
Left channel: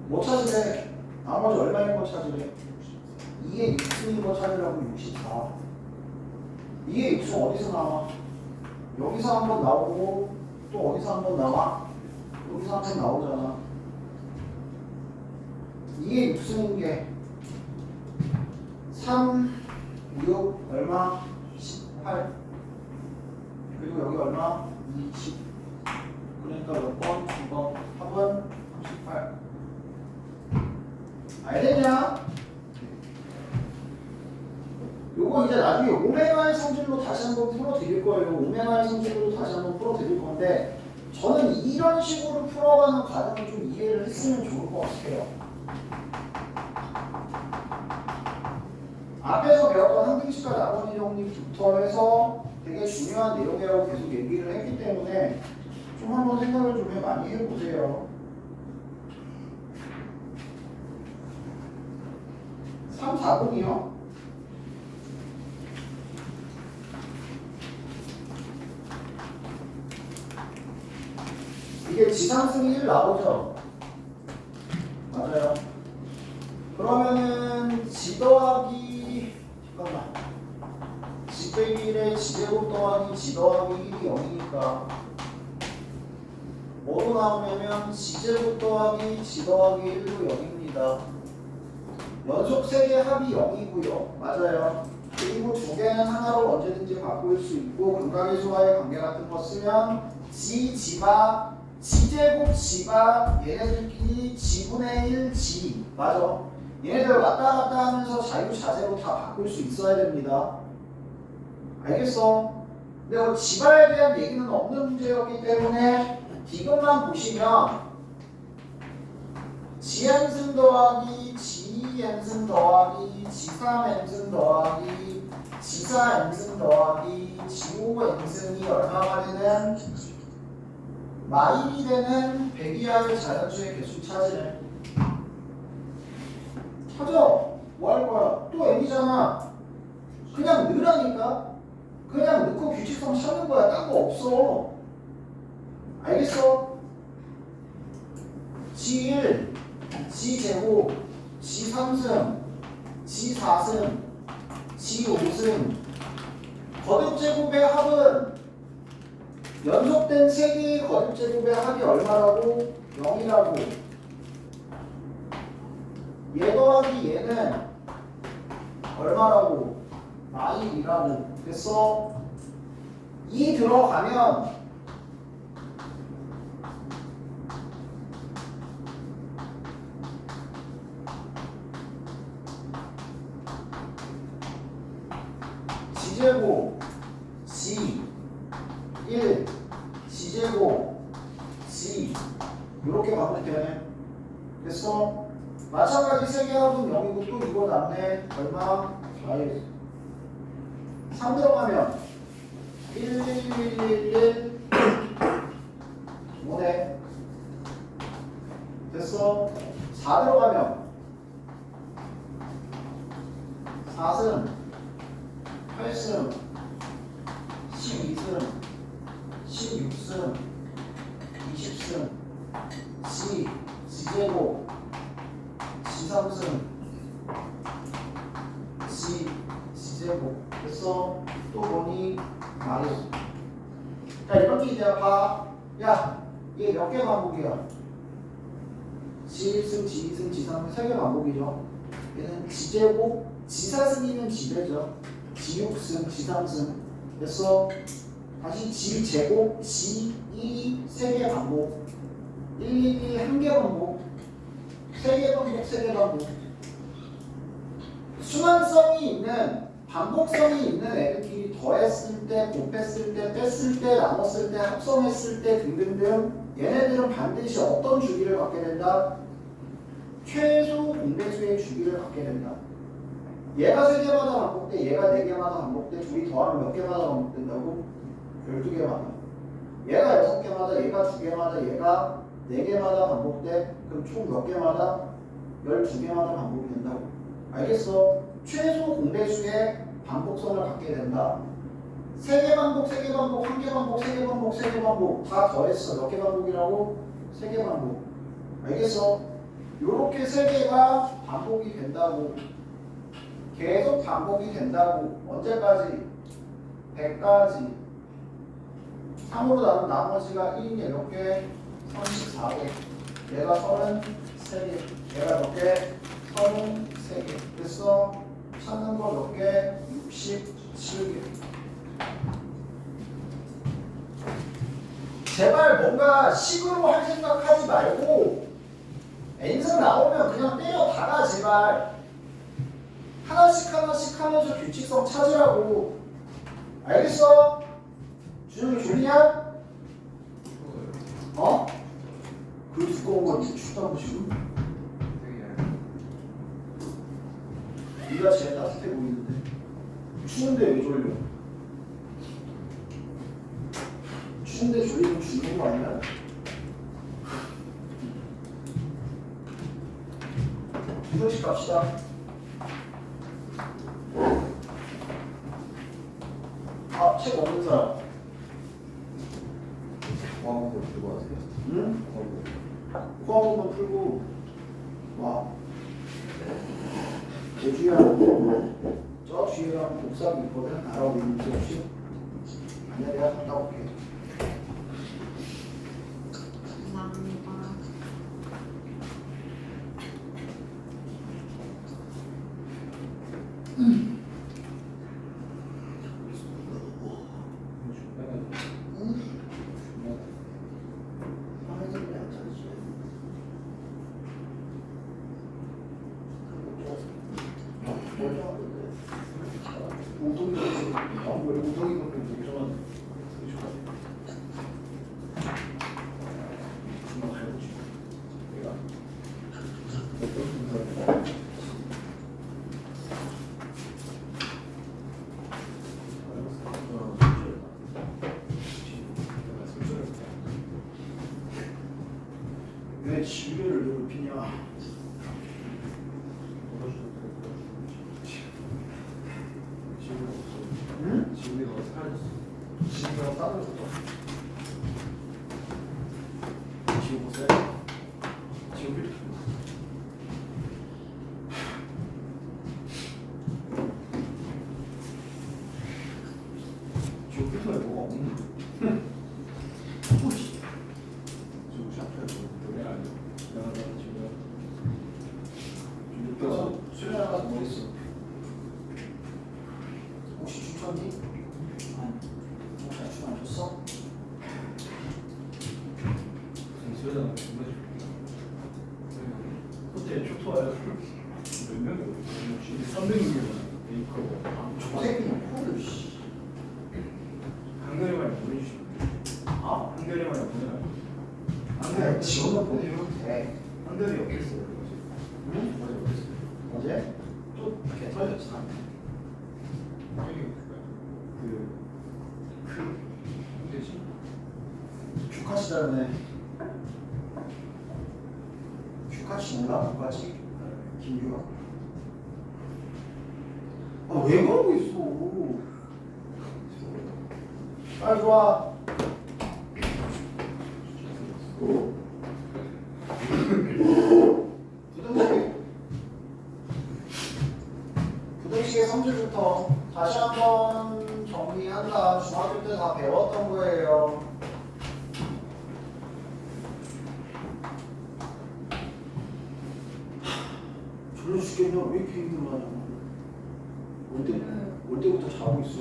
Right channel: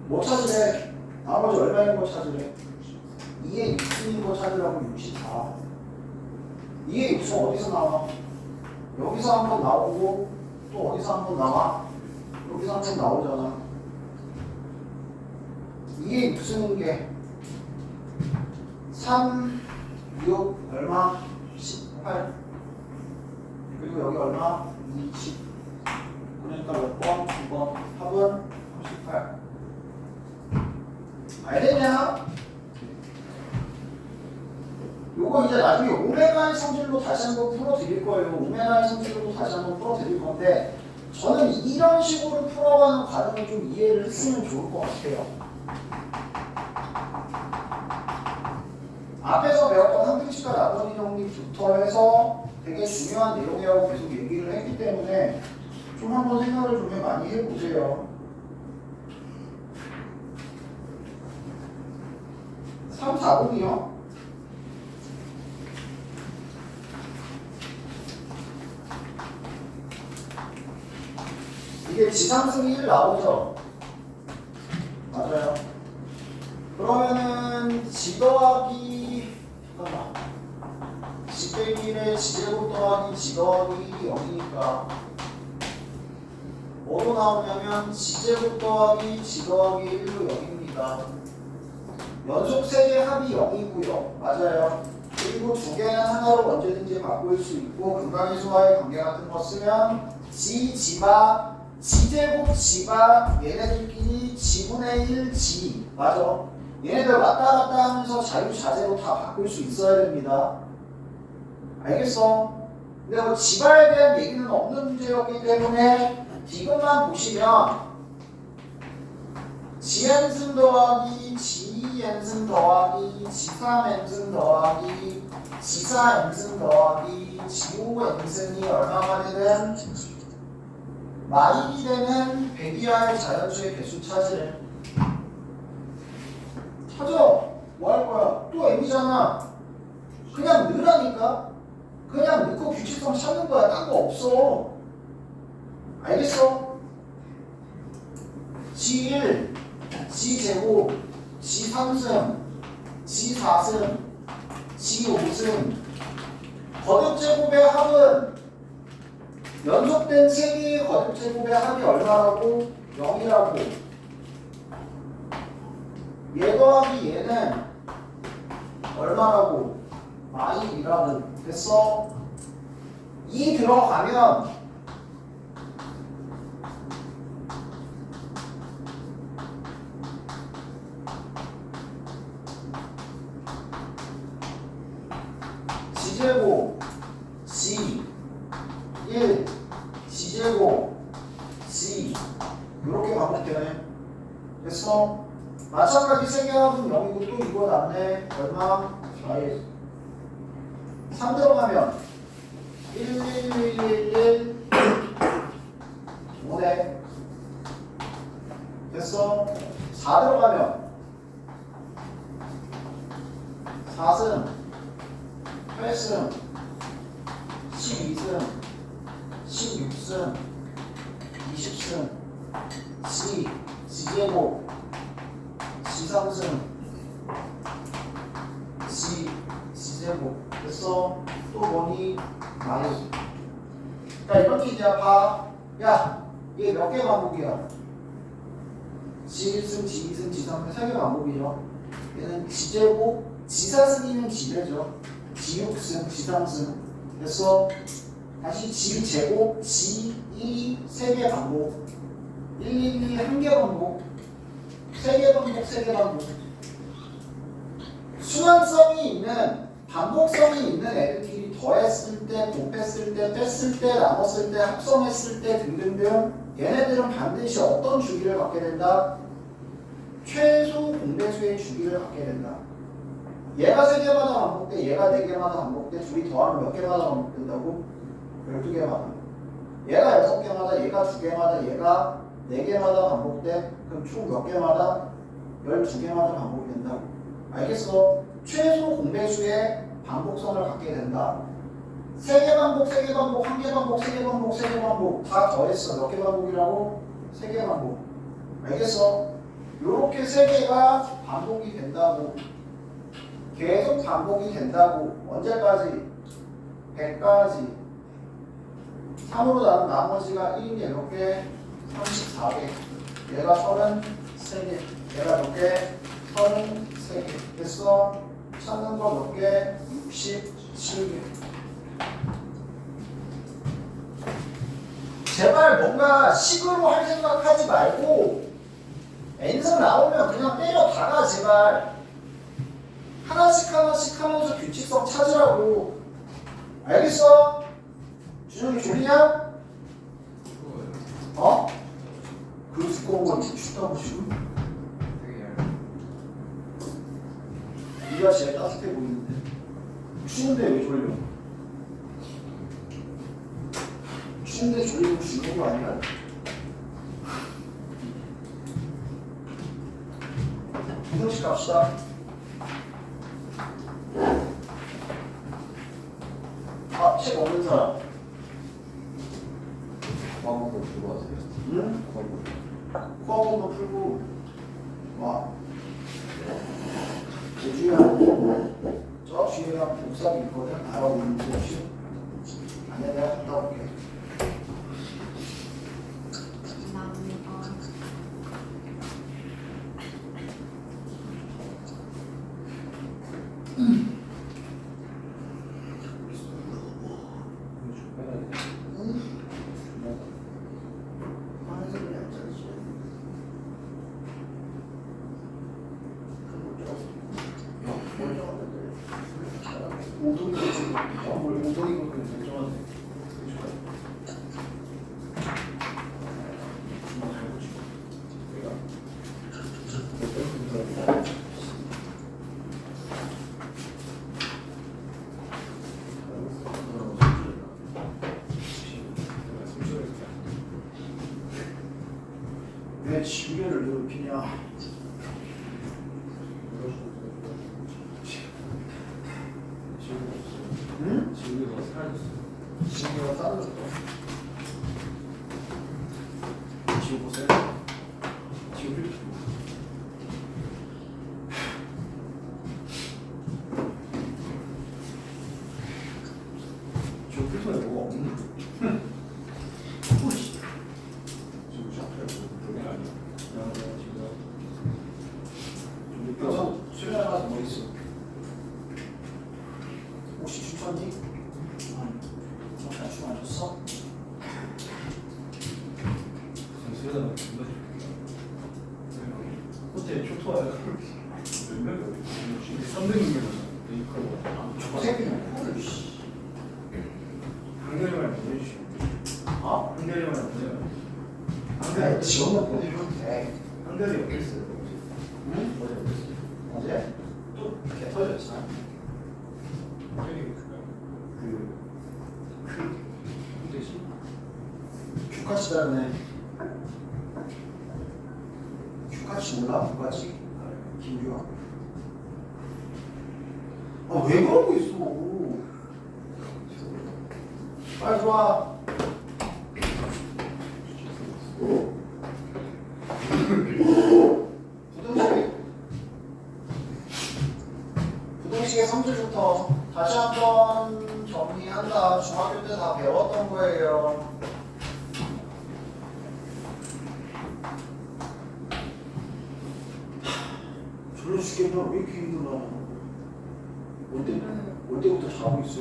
뭐 찾으래? 나머지 얼마인 거 찾으래? 이게 6수인 거 찾으라고 64. 이게 6수 어디서 나와? 여기서 한번 나오고 또 어디서 한번 나와? 여기서 한번 나오잖아. 이게 6수인 게 3, 6, 얼마? 18. 그리고 여기 얼마? 20. 그러니까 몇 번? 2번. 합은 38. 알겠냐? 요거 이제 나중에 오메가의 성질로 다시 한번 풀어드릴 거예요. 오메가의 성질로 다시 한번 풀어드릴 건데 저는 이런 식으로 풀어가는 과정을 좀 이해를 했으면 좋을 것 같아요. 앞에서 배웠던 항등식과 나머지 정리부터 해서 되게 중요한 내용이라고 계속 얘기를 했기 때문에 좀 한번 생각을 좀 많이 해보세요. 3, 4번이요. 이게 지상승이 1 나오죠? 맞아요. 그러면은 지 더하기 잠깐만 지 빼기 1에 지제곱 더하기 지 더하기 1이 0이니까 뭐로 나오냐면 지제곱 더하기 지 더하기 1로 0입니다. 연속 3개 합이 0이고요. 맞아요. 그리고 두 개는 하나로 언제든지 바꿀 수 있고 근각의 수와의 관계 같은 거 쓰면 지, 지바, 지제곱, 지바 얘네들끼리 지분의 1, 지 맞아. 얘네들 왔다 갔다 하면서 자유자재로 다 바꿀 수 있어야 됩니다. 알겠어? 근데 그 지바에 대한 얘기는 없는 문제였기 때문에 이것만 보시면 지n승 더하기 지n승 더하기 지3n승 더하기 지4n승 더하기 지5n승이 얼마가 되는 마일이 되는 백이하의 자연수의 개수 찾으래. 찾아. 뭐 할 거야? 또 m이잖아. 그냥 넣으라니까. 그냥 넣고 규칙성 찾는 거야. 딴 거 없어. 알겠어? G1, G제곱, G3승, G4승, G5승 거듭제곱의 합은 연속된 3개의 거듭제곱의 합이 얼마라고? 0이라고. 얘 더하기 얘는 얼마라고? 마일이라고. 됐어? 2 들어가면 지제곱 G 1 G제곱 G 이렇게 반복되네. 됐어? 마찬가지 3개 합은 0이고 또 이거 남네. 얼마? 4일 3 들어가면 1, 1, 1, 1, 1 5네. 됐어? 4 들어가면 4승 8승 12승 16승 20승 G G제곱 G3승 G G제곱. 됐어? 또 뭐니? 마일. 그러니까 이렇게 이제 봐. 야, 얘 몇 개 반복이야? G1승, G2승, G3승 3개 반복이죠. 얘는 G제곱, G4승이면 G제죠. G6승, G3승. 됐어? 다시 G제곱, G2 3개 반복. 1, 1, 1 1개 반복. 세개 반복, 세개 반복. 순환성이 있는 반복성이 있는 애들끼리 더했을 때, 곱했을 때, 뺐을 때, 나눴을 때, 합성했을 때 등등등 얘네들은 반드시 어떤 주기를 갖게 된다? 최소 공배수의 주기를 갖게 된다. 얘가 3개마다 반복돼, 얘가 4개마다 반복돼, 둘이 더하면 몇 개마다 반복된다고? 12개마다. 얘가 6개마다, 얘가 2개마다, 얘가 4개마다 반복돼. 그럼 총 몇 개마다? 12개마다 반복이 된다고. 알겠어? 최소 공배수의 반복성을 갖게 된다. 3개 반복, 3개 반복, 1개 반복, 3개 반복, 3개 반복 다 더했어. 몇 개 반복이라고? 3개 반복. 알겠어? 요렇게 3개가 반복이 된다고. 계속 반복이 된다고. 언제까지? 100까지. 3으로 나눈 나머지가 1이 몇 개? 34개. 얘가 33개. 얘가 몇 개? 33개. 됐어? 찾는 거 몇 개? 67개. 제발 뭔가 식으로 할 생각하지 말고 n승 나오면 그냥 때려 박아 제발. 하나씩 하나씩 하면서 규칙성 찾으라고. 알겠어? 준영이 졸리냐? 어? 그 두꺼운 걸 춥다고 지금? 네가 제일 따뜻해 보이는데 추운데 왜 졸려? 추운데 졸리면 죽는 거 아니야? 이동식 갑시다. 아, 책 없는 사람. 과목을 들고 하세요. 응? 과목. 코어만 풀고 와. 제주야. 저 뒤에가 복사기 있거든. 알아보고 있는데 혹시? 아니야, 내가 갔다 올게. 감사합니다. 화면에 안 차리지. 오동이 지금 뭘 오동이 보면 되게 좋아하네. 되게 좋아. 정말 알고 싶어. 내가 왜 지우개를 괴롭히냐? 응? 지우개가 사라졌어. 지우개가 따로 지우보세요. 지우개. 지우개에 뭐가 없는 거야? 오씨. 지금 샤프를 그게 아니야. 그냥 지금 좀 늦어서 수련회 가서 뭐 했어? 혹시 추천이? 잘 추천 안 줬어? 수련회가 정말 그때 쇼토와요. 몇 명이 어디 300명이면 메이커가 저 새끼는 코를 씨. 한겨레만 보내주시면 아? 한겨레만 보내면 네, 지원을 보내주면 돼. 한겨레 어땠어요? 응? 어제 어땠어요? 어제? 또 개 터졌잖아. 그 홍대시 규카치다네. 규카치 몰라? 규카치? 김규아. 아, 왜 그러고 있어? 빨리 들어와. 부등식의 3줄부터 다시 한번 정리한다. 중학교 때 다 배웠던 거예요. 졸려 죽겠냐? 왜 이렇게 힘들어? 올 때부터 자고 있어.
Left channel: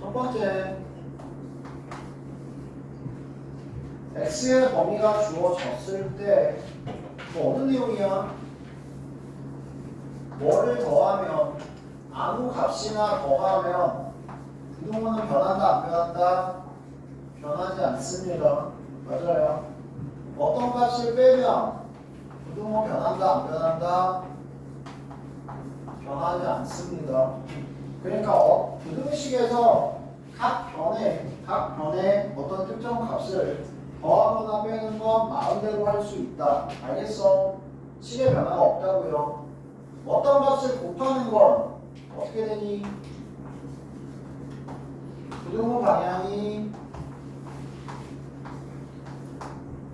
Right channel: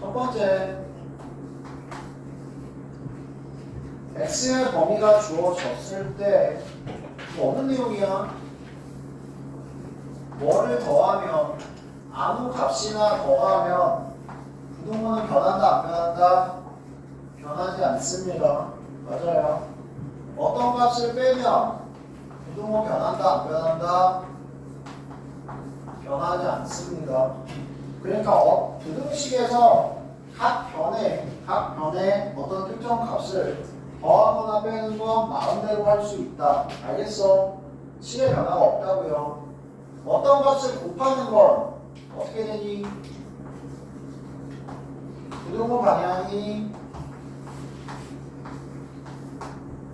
첫 번째, x x의 범위가 주어졌을 때 어느 내용이야? 뭐를 더하면 아무 값이나 더하면 부동호는 변한다 안 변한다? 변하지 않습니다. 맞아요. 어떤 값을 빼면 부동호 변한다 안 변한다? 변하지 않습니다. 그러니까 부등식에서 각 변에 어떤 특정 값을 더하거나 빼는 건 마음대로 할 수 있다. 알겠어? 식의 변화가 없다고요. 어떤 값을 곱하는 건 어떻게 되니? 부등호 방향이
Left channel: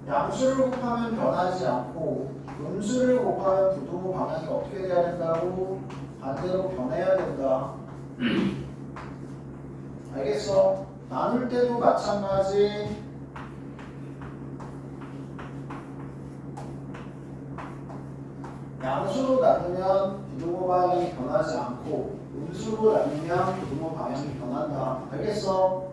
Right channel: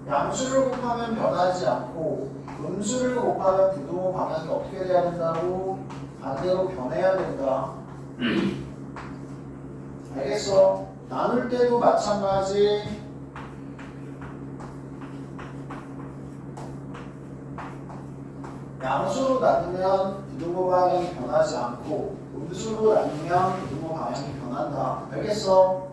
양수를 곱하면 변하지 않고 음수를 곱하면 부등호 방향이 어떻게 돼야 된다고? 반대로 변해야 된다. 알겠어? 나눌 때도 마찬가지. 양수로 나누면 부등호 방향이 변하지 않고 음수로 나누면 부등호 방향이 변한다. 알겠어?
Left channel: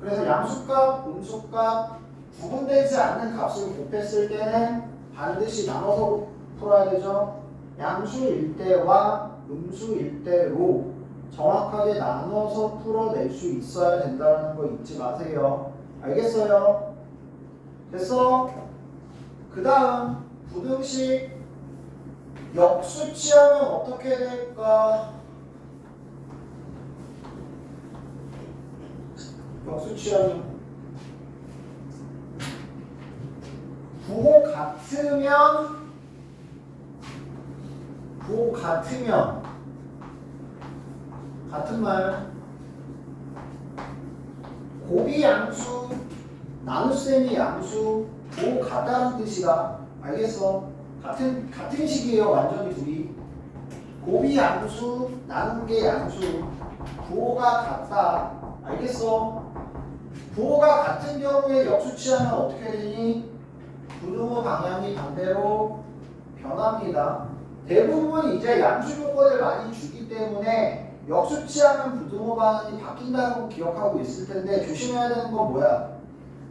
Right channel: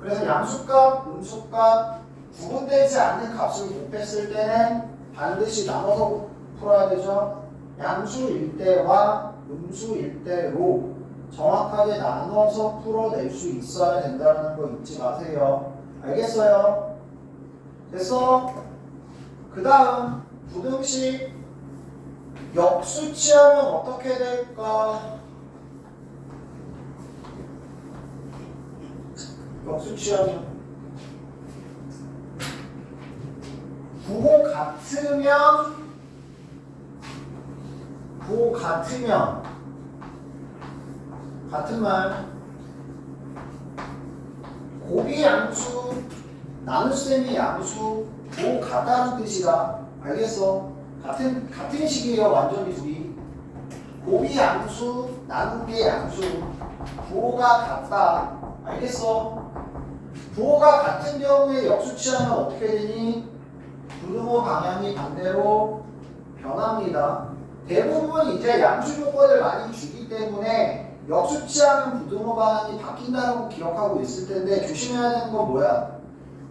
그래서 양수값, 음수값 구분되지 않는 값을 곱했을 때는 반드시 나눠서 풀어야 되죠. 양수일 때와 음수일 때로 정확하게 나눠서 풀어낼 수 있어야 된다는 거 잊지 마세요. 알겠어요? 됐어? 그 다음 부등식 역수치하면 어떻게 될까? 역수치하면 부호 같으면 같은 말 곱이 양수 나눗셈이 양수 부호 같다는 뜻이다. 알겠어? 같은 식이에요. 완전히 둘이 곱이 양수 나눈 게 양수 부호가 같다. 알겠어? 부호가 같은 경우에 역수치하면 어떻게 되니? 부등호 방향이 반대로 변합니다. 대부분 이제 양수 조건을 많이 주기 때문에 역수치하면 부등호 방향이 바뀐다는 거 기억하고 있을 텐데 조심해야 되는 건 뭐야?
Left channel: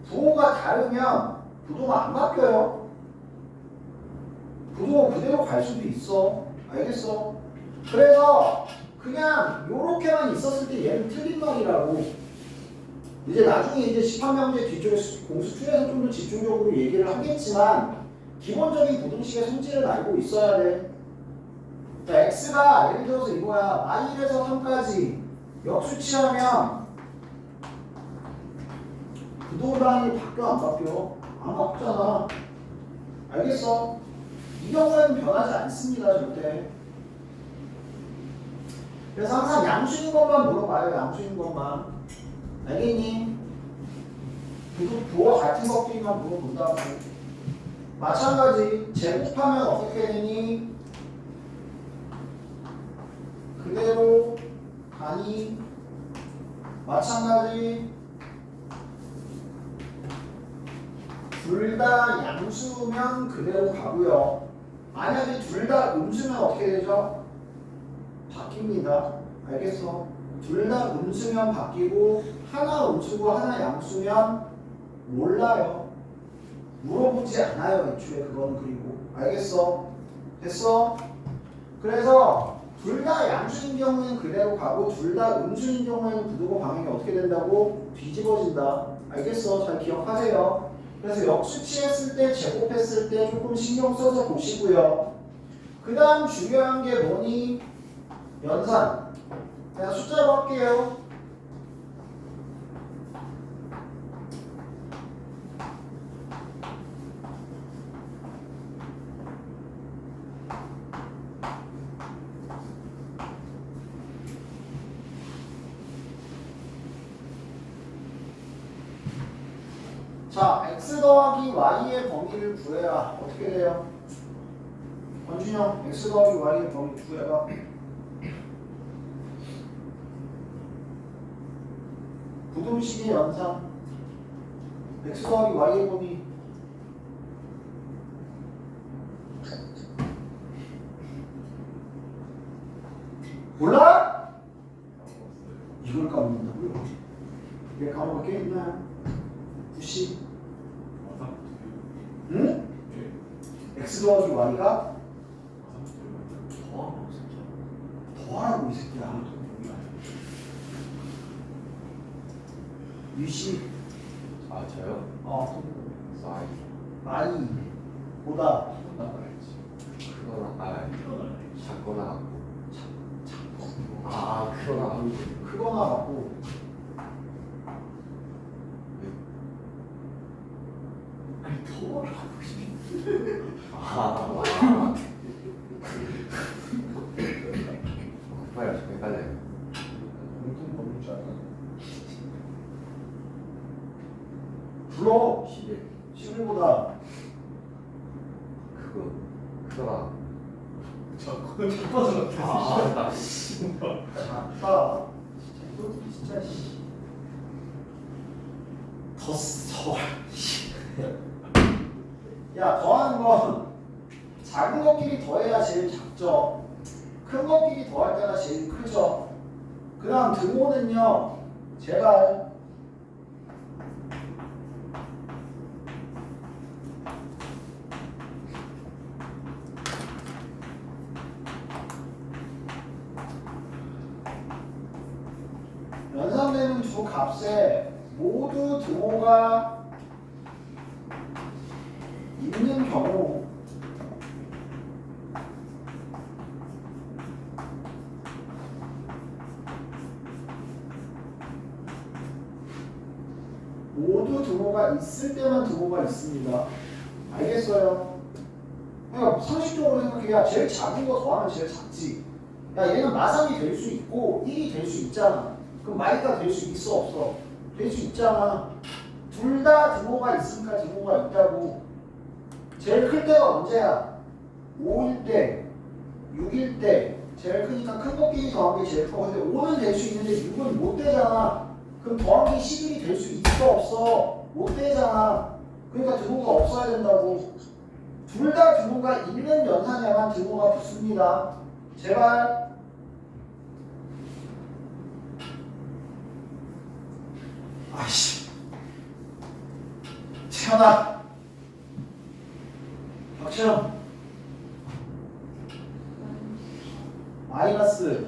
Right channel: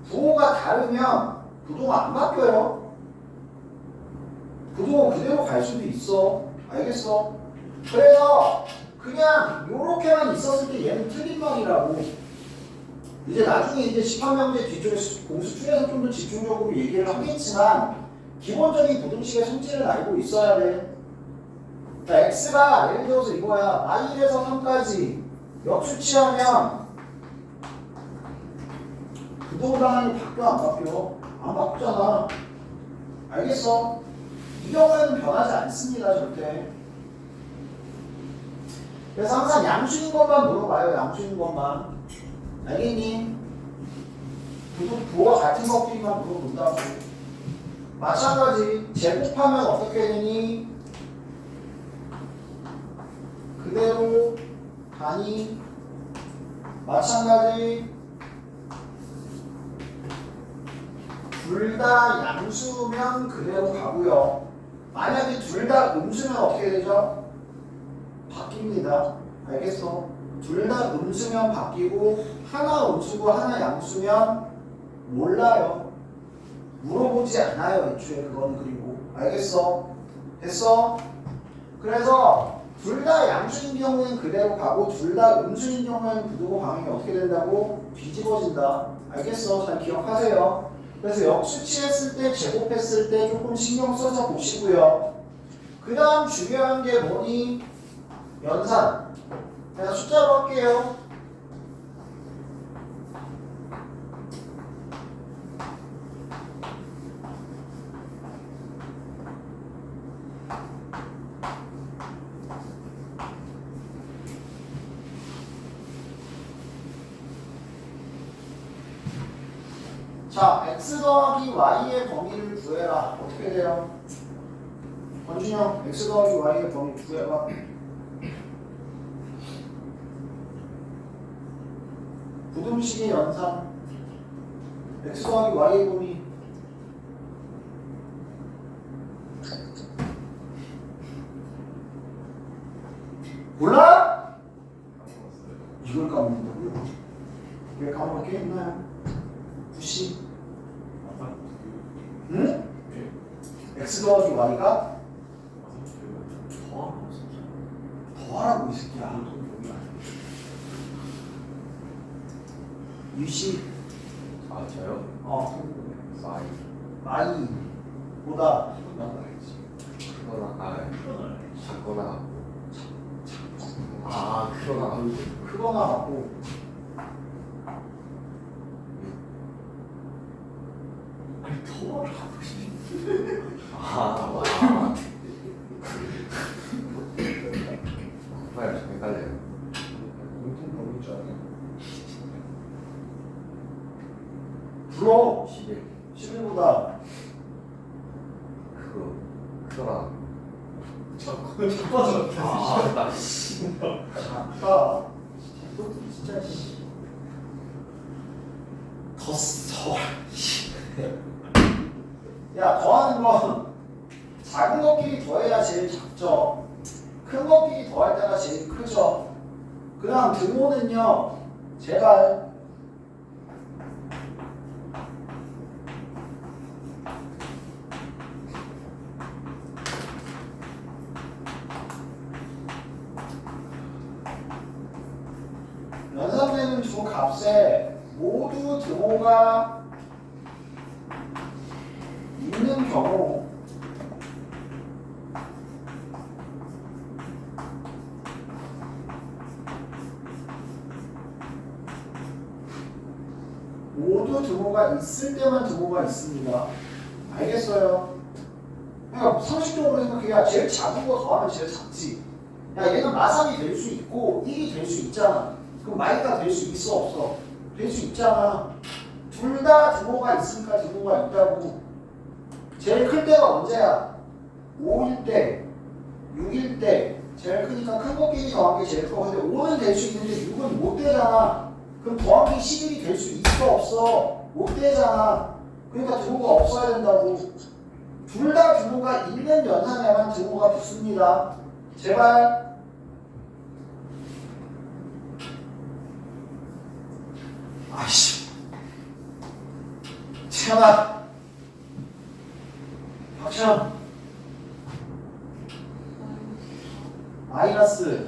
부호가 다르면 부등호 안 바뀌어요. 부등호 그대로 갈 수도 있어. 알겠어? 그래서 그냥 요렇게만 있었을 때 얘는 틀린 말이라고. 이제 나중에 이제 집합명제 뒤쪽에 공수2에서 좀 더 집중적으로 얘기를 하겠지만 기본적인 부등식의 성질을 알고 있어야 돼. 그러니까 x가 예를 들어서 이거야. -1에서 3까지 역수치하면 부등호 방향이 바뀌어 안 바뀌어? 안 바뀌잖아. 알겠어? 이 경우에는 변하지 않습니다. 절대. 그래서 항상 양수인 것만 물어봐요. 양수인 것만. 알겠니? 부호가 같은 것들만 물어본다고. 마찬가지 제곱하면 어떻게 되니? 그대로 가니? 마찬가지 둘 다 양수면 그대로 가고요. 만약에 둘 다 음수면 어떻게 되죠? 바뀝니다. 알겠어? 둘 다 음수면 바뀌고 하나 음수고 하나 양수면 몰라요. 물어보지 않아요. 애초에 그거는. 그리고 알겠어? 됐어? 그래서 둘 다 양수인 경우에는 그대로 가고 둘 다 음수인 경우에는 부등호 방향이 어떻게 된다고? 뒤집어진다. 알겠어? 잘 기억하세요. 그래서 역수치했을 때 제곱했을 때 조금 신경 써서 보시고요. 그 다음 중요한 게 뭐니? 연산. 내가 숫자로 할게요. 자, x 더하기 y의 범위를 구해라. 어떻게 돼요? 권준영, x 더하기 y의 범위 구해봐. 부등식의 연산 x 더하기 y의 범위 몰라? 이걸 까먹는다고요? 왜 까먹을 게 있나요? 90 x 더하기 y가 30개면 더하고 진짜. 더하라고 이 새끼야. 동이 아니야. 유시 아 저요? 마이. 마이보다 크거나 작거나 크거나 크거나 같고 더하라고 씨. 곱하기가 좀 헷갈려요. 공통 범위인 줄 알아요. 불어 11 11보다 크거나 자꾸 나 씨. 작다. 진짜 씨. 더 야, 더하는 건 작은 것끼리 더해야 제일 작죠. 큰 것끼리 더할 때가 제일 크죠. 그 다음 등호는요, 제발 연산되는 두 값에 모두 등호가 있는 경우 모두 등호가 있을 때만 등호가 있습니다. 알겠어요? 그러니까 상식적으로 생각해야 제일 작은 거 더하면 제일 작지. 야, 얘는 마삼이 될 수 있고 1이 될 수 있잖아. 그럼 마이가 될 수 있어 없어? 될 수 있잖아. 둘 다 등호가 있으니까 등호가 있다고. 제일 클 때가 언제야? 5일 때, 6일 때. 제일 크니까 큰 것끼리 더한 게 제일 커. 근데 5는 될 수 있는데 6은 못 되잖아. 그럼 더하기 11이 될 수 있어 없어? 못 되잖아. 그러니까 등호가 없어야 된다고. 둘 다 등호가 있는 연산에만 등호가 붙습니다. 제발. 아이씨. 태연아. 박시영. 마이너스.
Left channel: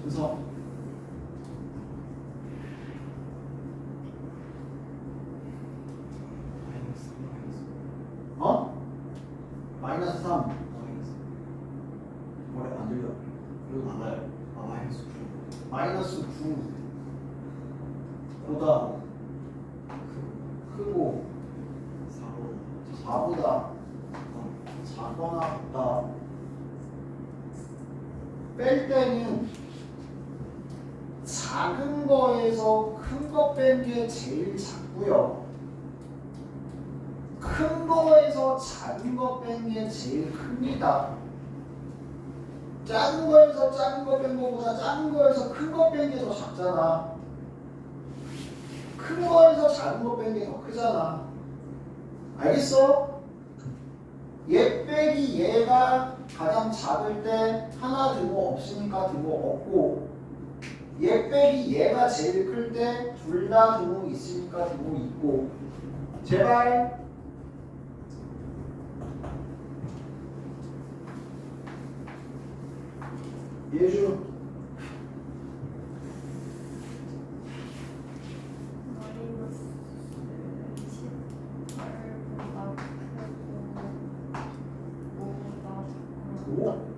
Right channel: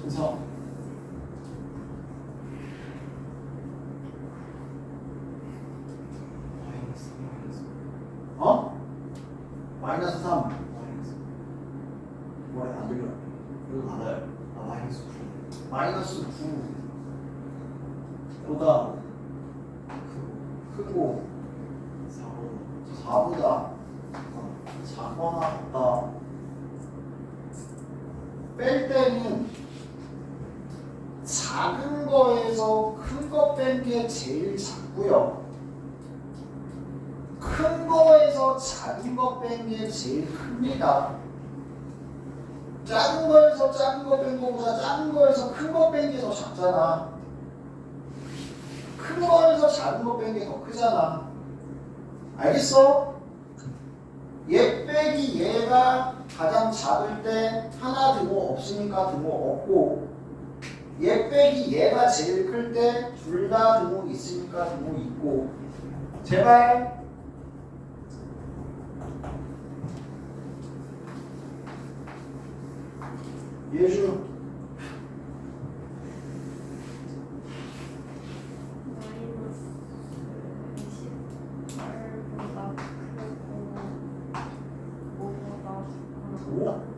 그래서 마이너스 3 뭐래 안 들려. 이거 나가요. 마이너스 9보다 크고 4보다 작거나 같다. 뺄 때는 작은 거에서 큰 거 뺀 게 제일 작고요. 큰 거에서 작은 거 뺀 게 제일 큽니다. 작은 거에서 작은 거 뺀 거보다 작은 거에서 큰 거 뺀 게 더 작잖아. 큰 거에서 작은 거 뺀 게 더 크잖아. 알겠어? 얘 빼기 얘가 가장 작을 때 하나 등호 없으니까 등호 없고, 얘 빼기 얘가 제일 클 때 둘 다 등호 있으니까 등호 있고. 제발. 예주.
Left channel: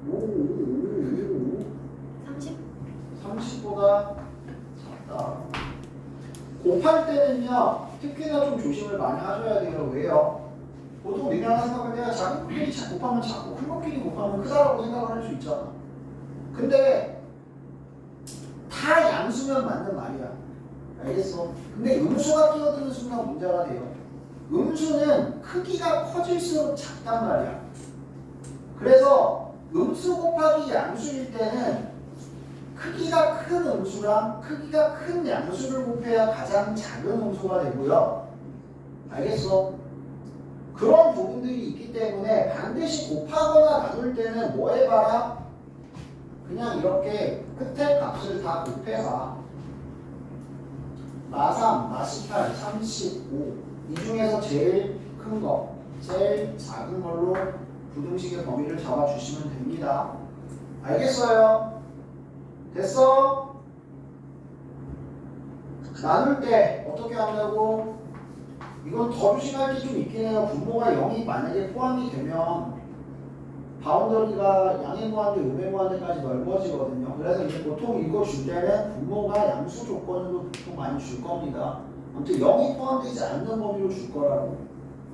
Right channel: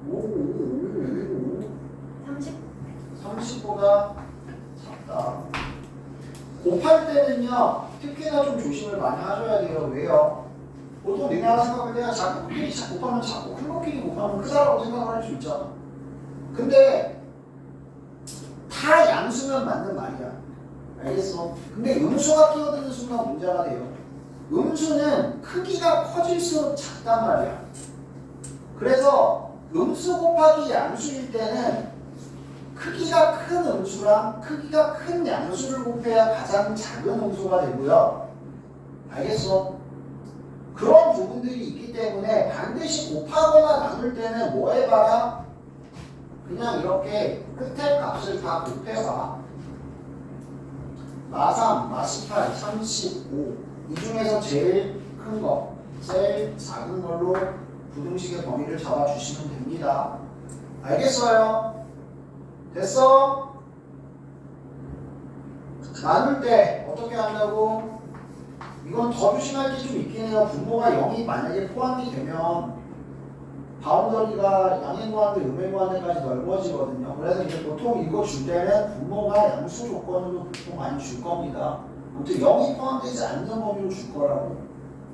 오. 30보다 작다. 곱할 때는요, 특히나 좀 조심을 많이 하셔야 돼요. 왜요? 보통 그냥 생각을 해야 작은 것끼리 곱하면 작고 큰 것끼리 곱하면 크다라고 생각을 할 수 있잖아. 근데 다 양수면 맞는 말이야. 알겠어? 근데 음수가 끼어드는 순간 문제가 돼요. 음수는 크기가 커질수록 작단 말이야. 그래서 음수 곱하기 양수일 때는 크기가 큰 음수랑 크기가 큰 양수를 곱해야 가장 작은 음수가 되고요. 알겠어? 그런 부분들이 있기 때문에 반드시 곱하거나 나눌 때는 뭐 해봐라? 그냥 이렇게 끝에 값을 다 곱해봐. 마3, 마18, 35. 이 중에서 제일 큰 거, 제일 작은 걸로 부등식의 범위를 잡아주시면 됩니다. 알겠어요? 됐어? 나눌 때 어떻게 한다고? 이건 더 조심할 게 좀 있긴 해요. 분모가 0이 만약에 포함이 되면 바운더리가 양의 무한대, 음의 무한대까지 넓어지거든요. 그래서 이제 보통 이거 줄 때는 분모가 양수 조건으로 보통 많이 줄 겁니다. 아무튼 0이 포함되지 않는 범위로 줄 거라고.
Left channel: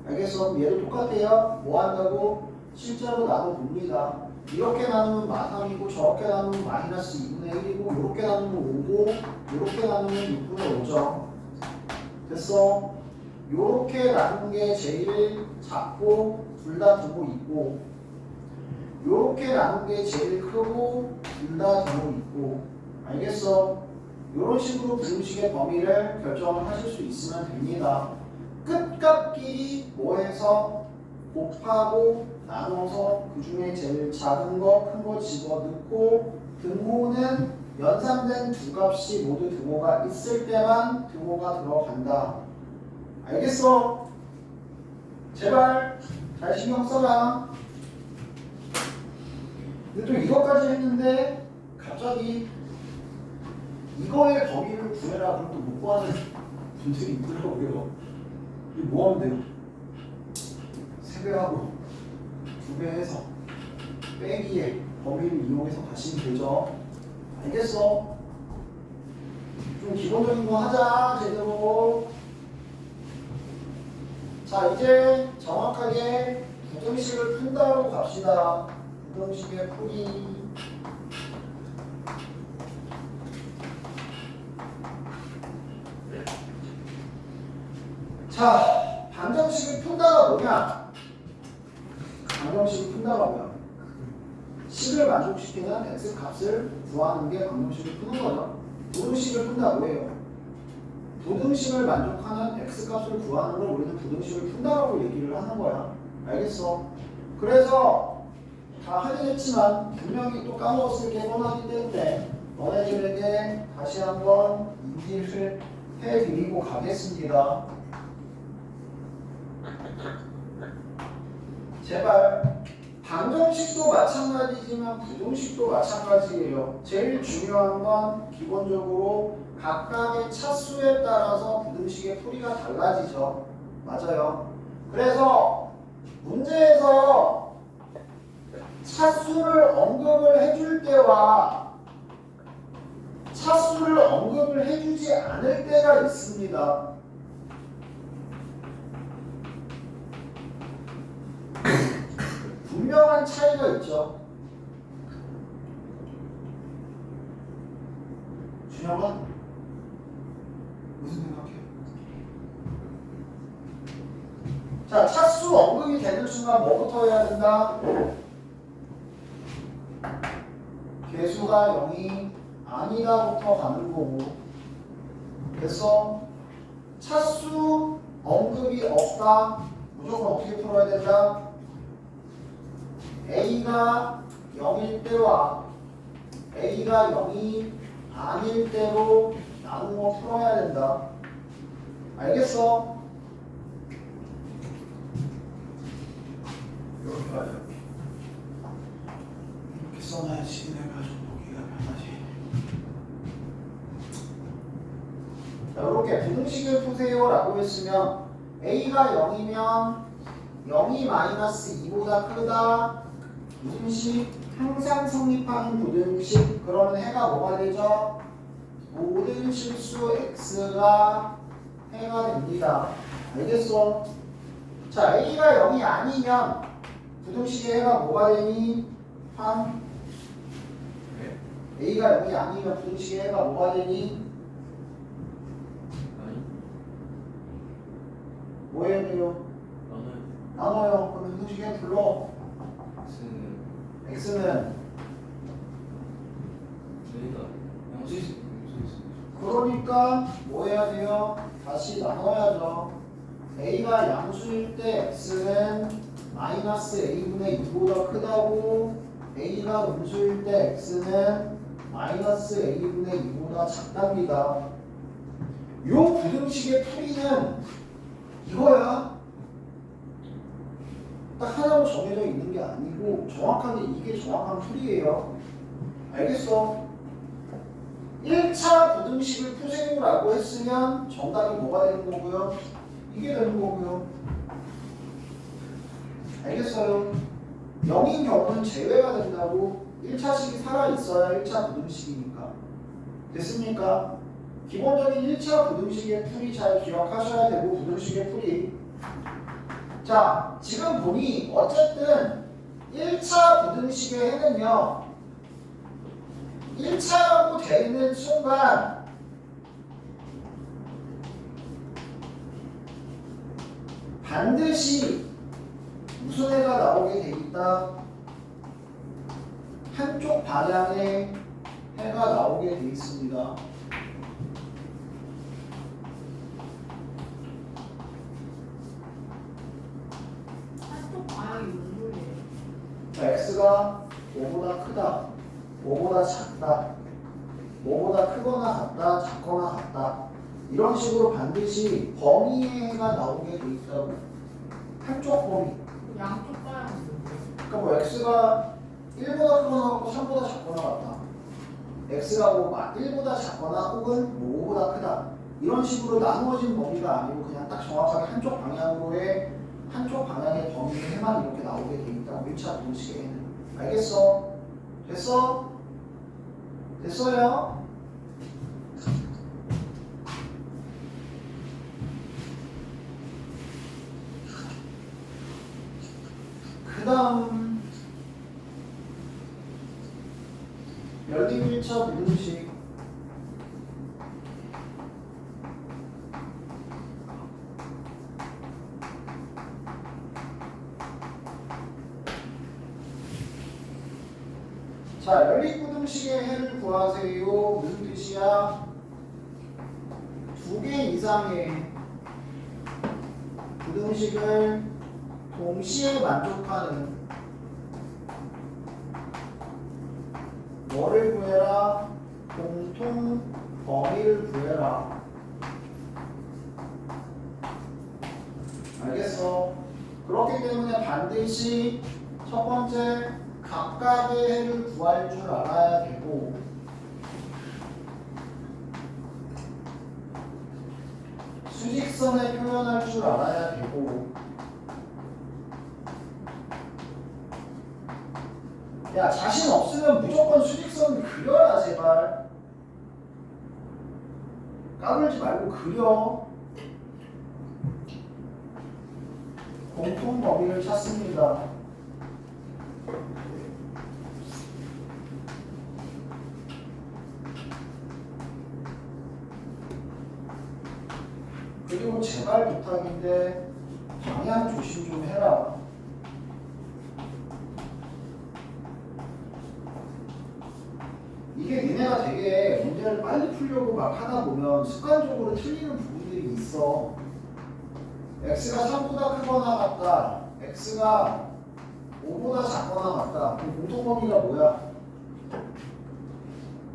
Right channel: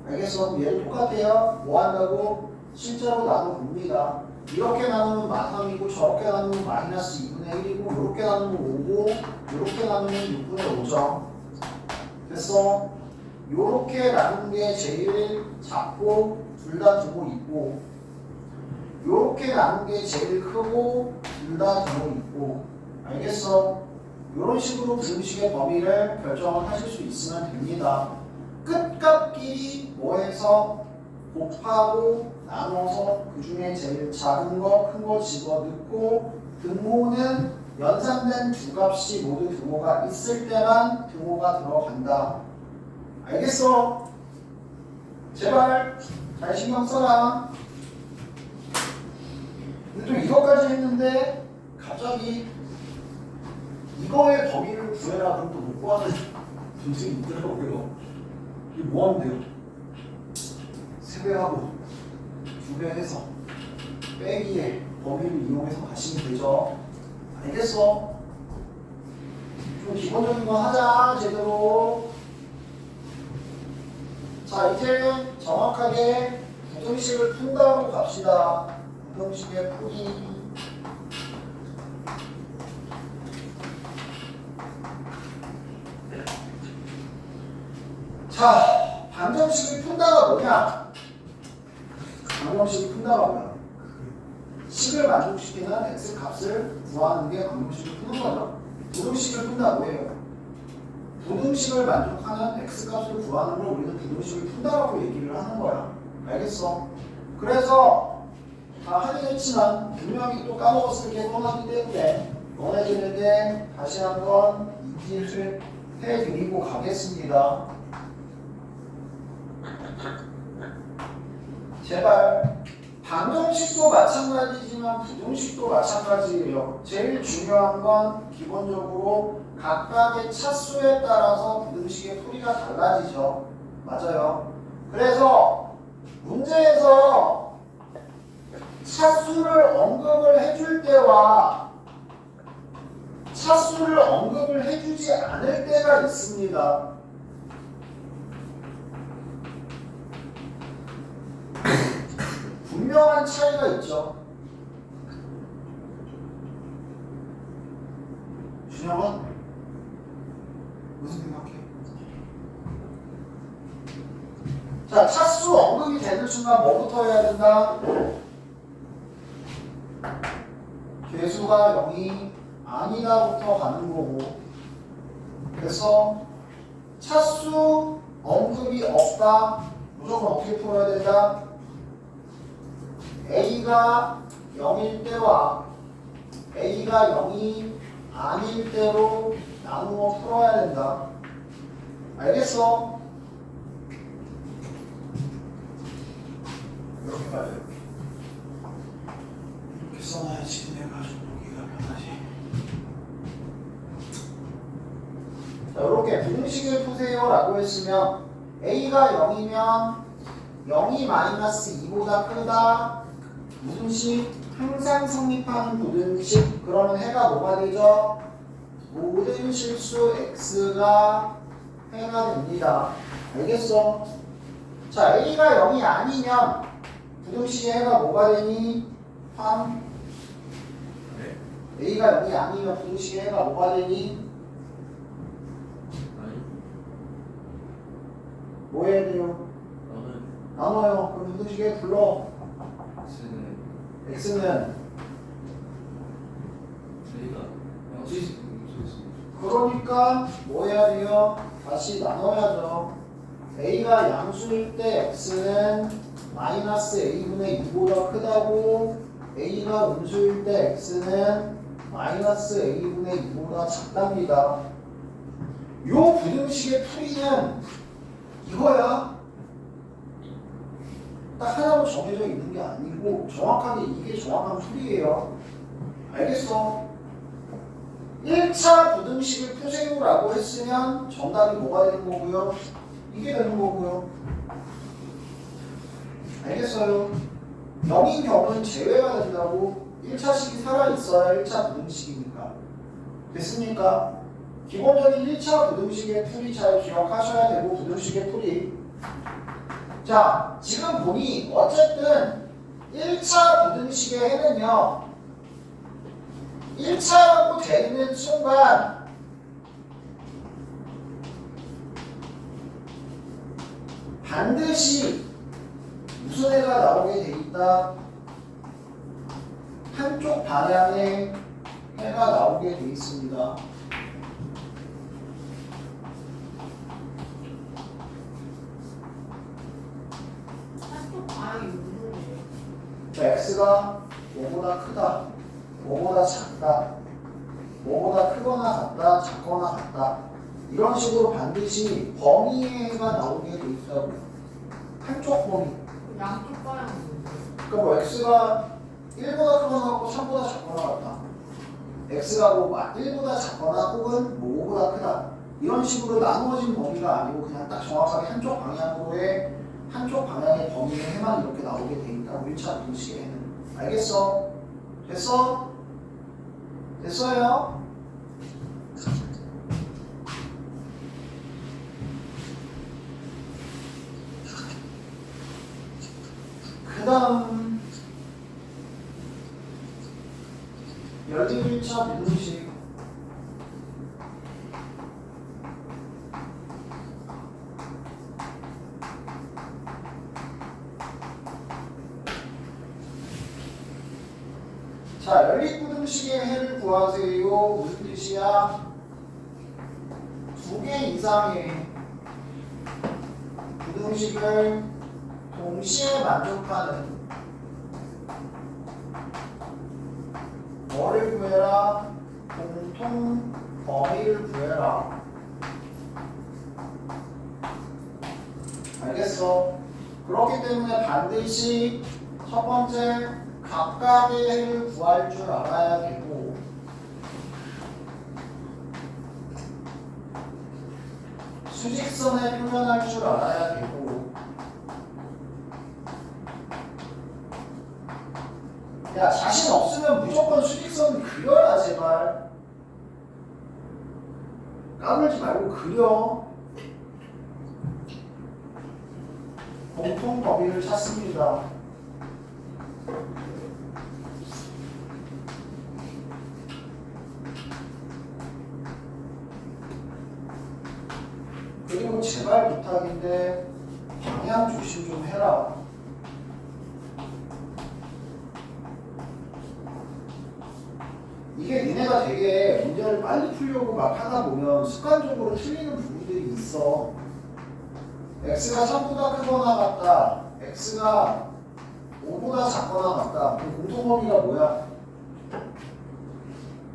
알겠어? 그럼 얘도 똑같아요. 뭐 한다고? 실제로 나눠봅니다. 이렇게 나누면 마3이고 저렇게 나누면 마이너스 2분의 1이고 이렇게 나누면 5고 이렇게 나누면 6분의 5죠. 됐어? 요렇게 나눈 게 제일 작고 둘 다 두고 있고 요렇게 나눈 게 제일 크고 둘 다 두고 있고 알겠어? 요런 식으로 부등식의 범위를 결정을 하실 수 있으면 됩니다. 끝값끼리 뭐해서 곱하고 나눠서 그 중에 제일 작은 거, 큰 거 집어넣고 등호는 연산된 두 값이 모두 등호가 있을 때만 등호가 들어간다. 알겠어? 제발 잘 신경 써라. 근데 또 이것까지 했는데 갑자기 이거의 범위를 구해라 그럼 또 못 구하는 분들이 있더라고요. 이게 뭐 하면 돼요? 3배하고 2배 해서 빼기에 범위를 이용해서 가시면 되죠. 알겠어? 좀 기본적인 거 하자 제대로. 자 이제 정확하게 부등식을 푼다고 갑시다. 부등식의 풀이. 자 방정식을 푼다가 뭐냐? 방정식을 푼다가 뭐야? 식을 만족시키는 x 값을 구하는 게 방정식을 푸는 거죠. 부등식을 푼다 뭐예요? 부등식을 만족하는 x 값을 구하는 걸 우리는 부등식을 푼다라고 얘기를 하는 거야. 알겠어? 그래서 다 하긴 했지만 분명히 또 까먹었을 게 뻔하기 때문에 너네들에게 다시 한번 인지를 해드리고 가겠습니다. 제발 방정식도 마찬가지지만 부등식도 마찬가지예요. 제일 중요한 건 기본적으로 각각의 차수에 따라서 부등식의 풀이가 달라지죠. 맞아요. 그래서 문제에서 차수를 언급을 해줄 때와 차수를 언급을 해주지 않을 때가 있습니다. 분명한 차이가 있죠. 준영은 무슨 생각해? 자, 차수 언급이 되는 순간 뭐부터 해야 된다? 개수가 0이 아니다부터 가는 거고. 그래서 차수 언급이 없다. 무조건 어떻게 풀어야 된다? A가 0일 때와 A가 0이 아닐 때로 나누어 풀어야 된다. 알겠어? 이렇게 봐요. 이렇게 써놔야지 내가 좀 보기가 편하지. 자, 이렇게 부등식을 푸세요 라고 했으면 A가 0이면 0이 마이너스 2보다 크다. 부등식 항상 성립하는 부등식. 그러면 해가 뭐가 되죠? 모든 실수 x가 해가 됩니다. 알겠어? 자, a가 0이 아니면 부등식의 해가 뭐가 되니? 3. 네. a가 0이 아니면 부등식의 해가 뭐가 되니? 아니 뭐 해야 돼요? 너는 나눠요. 그럼 부등식에 불러. x는 x는 저희가 양수 그러니까 뭐 해야 돼요? 다시 나눠야죠. a가 양수일 때 x는 마이너스 a분의 2보다 크다고 a가 음수일 때 x는 마이너스 a분의 2보다 작답니다. 요 부등식의 풀이는 이거야. 딱 하나로 정해져 있는 게 아니고 정확하게 이게 정확한 풀이에요. 알겠어? 1차 부등식을 푸세요라고 했으면 정답이 뭐가 되는 거고요? 이게 되는 거고요. 알겠어요? 0인 경우는 제외가 된다고. 1차식이 살아있어야 1차 부등식이니까. 됐습니까? 기본적인 1차 부등식의 풀이 잘 기억하셔야 되고 부등식의 풀이. 자, 지금 보니 어쨌든 1차 부등식의 해는요 1차라고 되는 순간 반드시 무슨 해가 나오게 돼 있다? 한쪽 방향의 해가 나오게 돼 있습니다. 한쪽 방향이 무슨 거예요? x가 5보다 크다, 5보다 작다, 5보다 크거나 같다, 작거나 같다. 이런 식으로 반드시 범위의 해가 나오게 돼 있다고. 한쪽 범위. 양쪽 방향은 뭐예요? 그러니까 뭐 x가 1보다 크거나 같고 3보다 작거나 같다. x가 뭐 1보다 작거나 혹은 뭐 5보다 크다. 이런 식으로 나누어진 범위가 아니고 그냥 딱 정확하게 한쪽 방향의 범위의 해만 이렇게 나오게 돼 있다고. 1차 부등식의 해는. 알겠어? 됐어? 됐어요? 그 다음 열린 1차 부등식. 자, 열린 부등식의 해를 구하세요. 무슨 뜻이야? 2개 이상의 부등식을 동시에 만족하는 뭐를 구해라? 공통 범위를 구해라. 알겠어? 그렇기 때문에 반드시 첫 번째 각각의 해를 구할 줄 알아야 되고, 수직선에 표현할 줄 알아야 되고. 야, 자신 없으면 무조건 수직선 그려라 제발. 까불지 말고 그려. 공통 범위를 찾습니다. 그리고 제발 부탁인데 방향 조심 좀 해라. 이게 니네가 되게 문제를 빨리 풀려고 막 하다 보면 습관적으로 틀리는 부분들이 있어. x가 3보다 크거나 같다, x가 5보다 작거나 같다. 그럼 공통범위가 뭐야?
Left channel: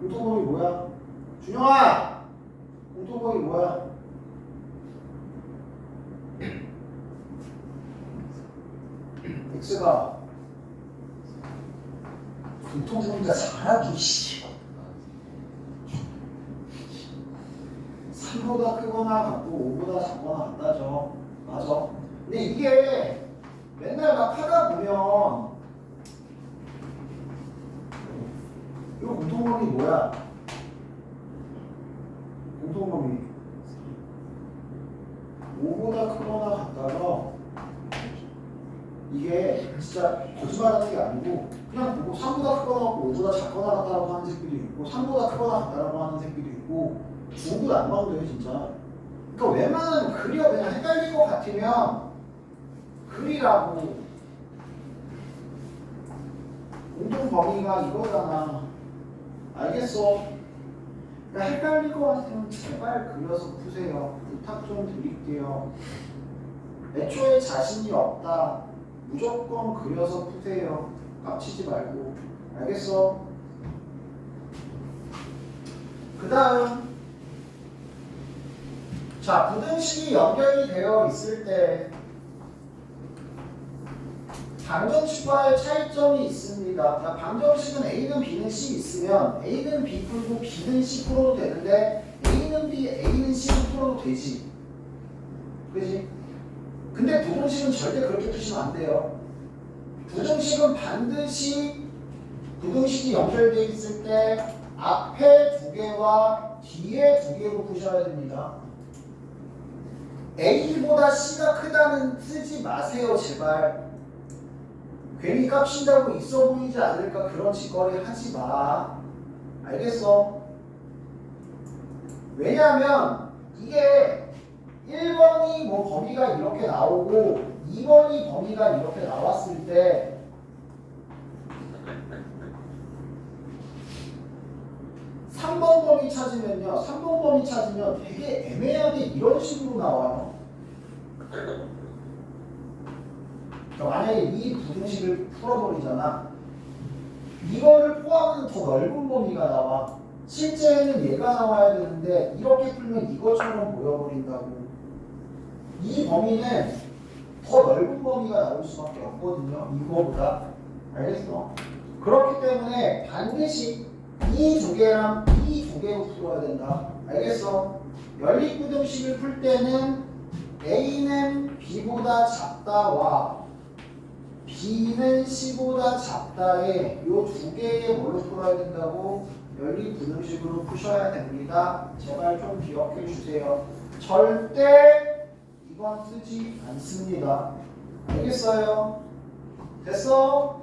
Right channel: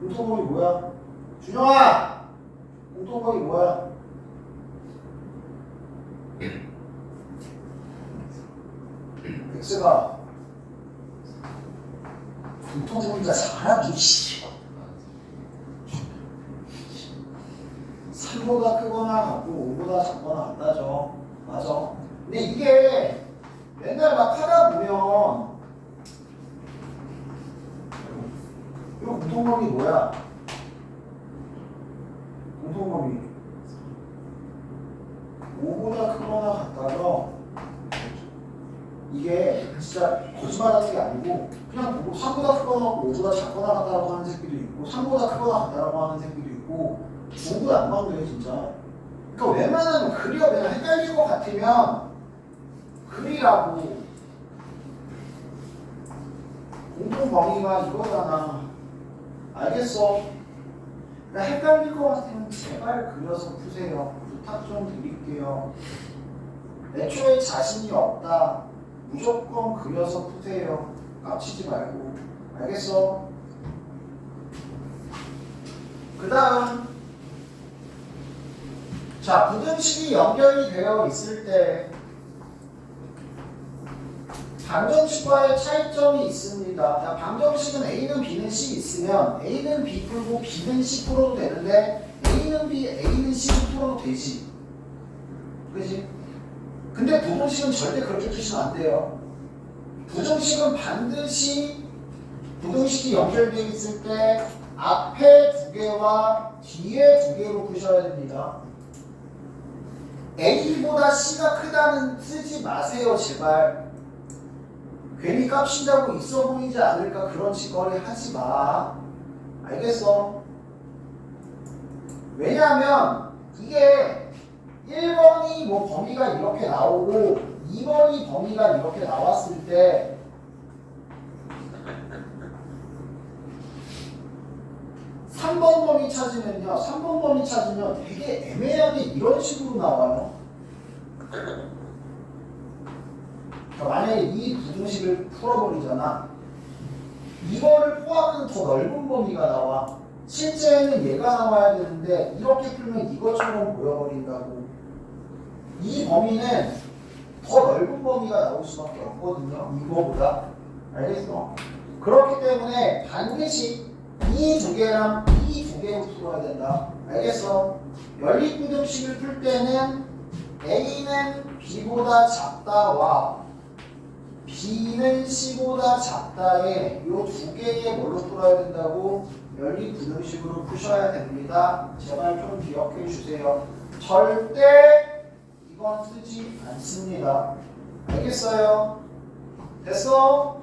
공통범위 뭐야? 준영아! 공통범위 뭐야? x가 공통범위가 잘하기 씨. 3보다 크거나 같고 5보다 작거나 같다죠. 맞아. 근데 이게 맨날 막 하다 보면 이 공통범위 뭐야? 공통범위 5보다 크거나 같다죠. 이게 진짜 거짓말하는 게 아니고 그냥 보고 3보다 크거나 같고 5보다 작거나 같다라고 하는 새끼도 있고 3보다 크거나 같다라고 하는 새끼도 있고 중구 안 막혀요 진짜. 그러니까 웬만하면 그려. 그냥 헷갈릴 것 같으면 그리라고. 공통 범위가 이거잖아. 알겠어? 그러니까 헷갈릴 것 같으면 제발 그려서 푸세요. 부탁 좀 드릴게요. 애초에 자신이 없다. 무조건 그려서 푸세요. 깝치지 말고. 알겠어? 그 다음 자, 부등식이 연결이 되어 있을 때 방정식과의 차이점이 있습니다. 자, 방정식은 A는 B는 C 있으면 A는 B 풀고 B는 C 풀어도 되는데 A는 B, A는 C를 풀어도 되지. 그지? 근데 부등식은 절대 그렇게 푸시면 안 돼요. 부등식은 반드시 부등식이 연결되어 있을 때 앞에 두 개와 뒤에 두 개로 푸셔야 됩니다. A보다 C가 크다는 쓰지 마세요, 제발. 괜히 깝친다고 있어 보이지 않을까 그런 짓거리 하지 마. 알겠어? 왜냐하면 이게 1번이 뭐 범위가 이렇게 나오고 2번이 범위가 이렇게 나왔을 때 (3번) 범위 찾으면요, 3번 범위 찾으면 되게 애매하게 이런 식으로 나와요. 그러니까 만약에 이 부등식을 풀어버리잖아. 이거를 포함하는 더 넓은 범위가 나와. 실제는 얘가 나와야 되는데 이렇게 풀면 이것처럼 보여버린다고. 이 범위는 더 넓은 범위가 나올 수밖에 없거든요. 이거보다. 알겠어? 그렇기 때문에 반드시 이 두 개랑 이 두 개로 풀어야 된다. 알겠어? 연립부등식을 풀 때는 A는 B보다 작다와 B는 C보다 작다에 이 두 개의 뭘로 풀어야 된다고? 연립부등식으로 푸셔야 됩니다. 제발 좀 기억해 주세요. 절대 이건 쓰지 않습니다. 알겠어요? 됐어?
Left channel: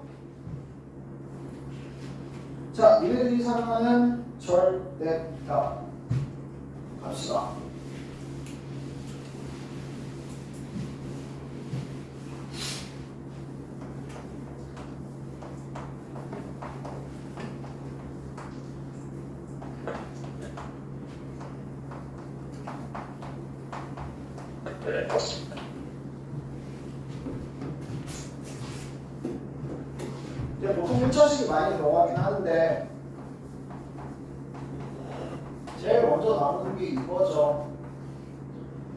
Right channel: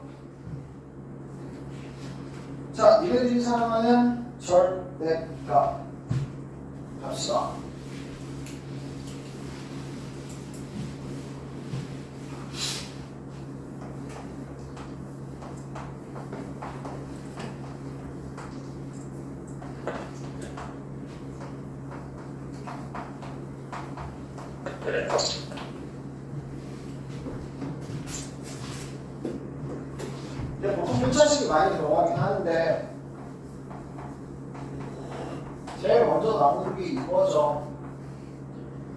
자, 니네들이 사랑하는 절대값 갑시다. 이제 보통 분차식이 많이 들어가긴 하는데 제일 먼저 나오는 게 이거죠.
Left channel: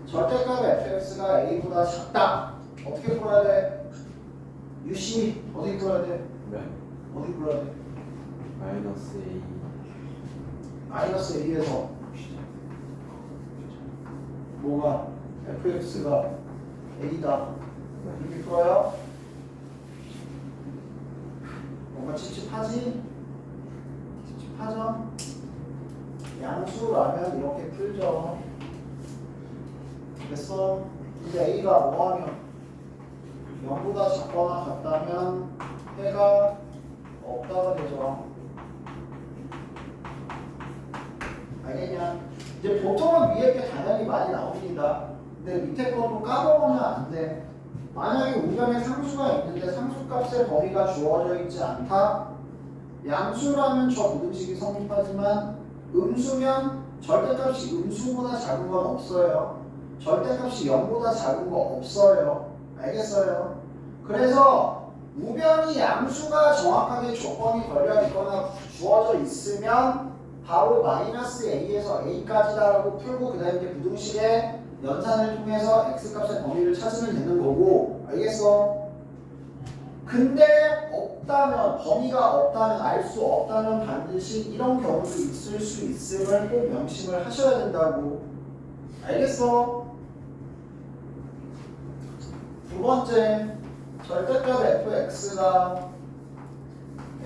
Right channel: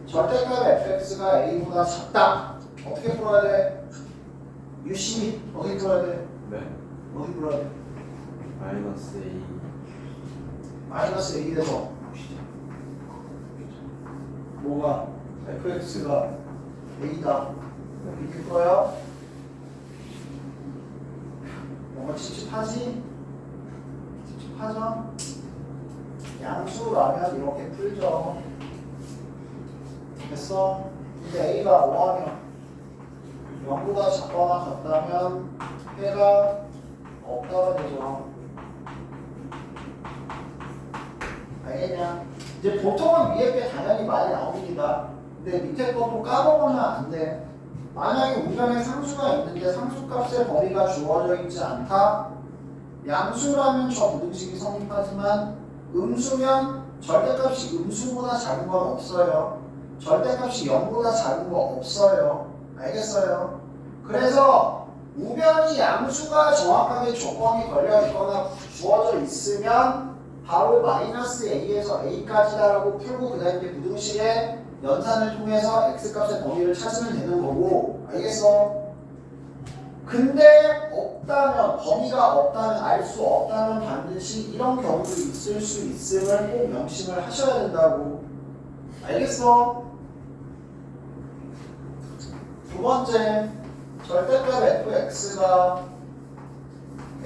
절대값 fx가 a보다 작다. 어떻게 풀어야 돼? 유심히 어떻게 풀어야 돼? 네. 어떻게 풀어야 돼? 마이너스 A. 마이너스 a에서 뭐가? fx가 a다. 이렇게 풀어요? 뭔가 찝찝하지? 찝찝하죠? 양수라면 이렇게 풀죠. 됐어? 근데 a가 뭐하면 0보다 작거나 같다면 해가 없다가 되죠. 알겠냐? 이제 보통은 위에 게 당연히 많이 나옵니다. 근데 밑에 것도 까먹으면 안 돼. 만약에 우변에 상수가 있는데 상수값의 범위가 주어져 있지 않다? 양수라면 저 부등식이 성립하지만 음수면 절대값이 음수보다 작은 건 없어요. 절대값이 0보다 작은 거 없어요. 알겠어요? 그래서 우변이 양수가 정확하게 조건이 걸려 있거나 주어져 있으면 바로 마이너스 a에서 a까지다라고 풀고 그 다음에 부등식의 연산을 통해서 x값의 범위를 찾으면 되는 거고. 알겠어? 근데 없다면, 범위가 없다면, 알 수 없다면 반드시 이런 경우도 있을 수 있음을 꼭 명심을 하셔야 된다고. 알겠어? 두 번째, 절대값 fx가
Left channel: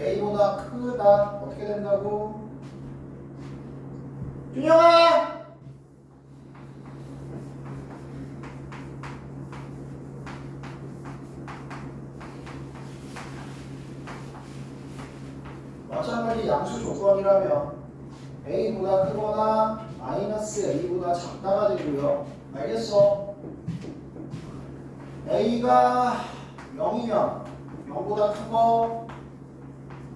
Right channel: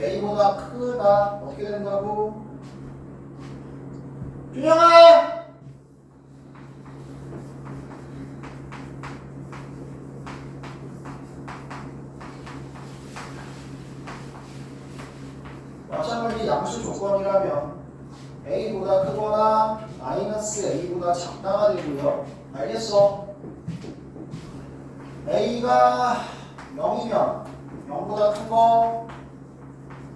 a보다 크다. 어떻게 된다고? 준영아! 마찬가지 양수 조건이라면 a보다 크거나 마이너스 a보다 작다가 되고요. 알겠어? a가 0이면 0보다 큰 거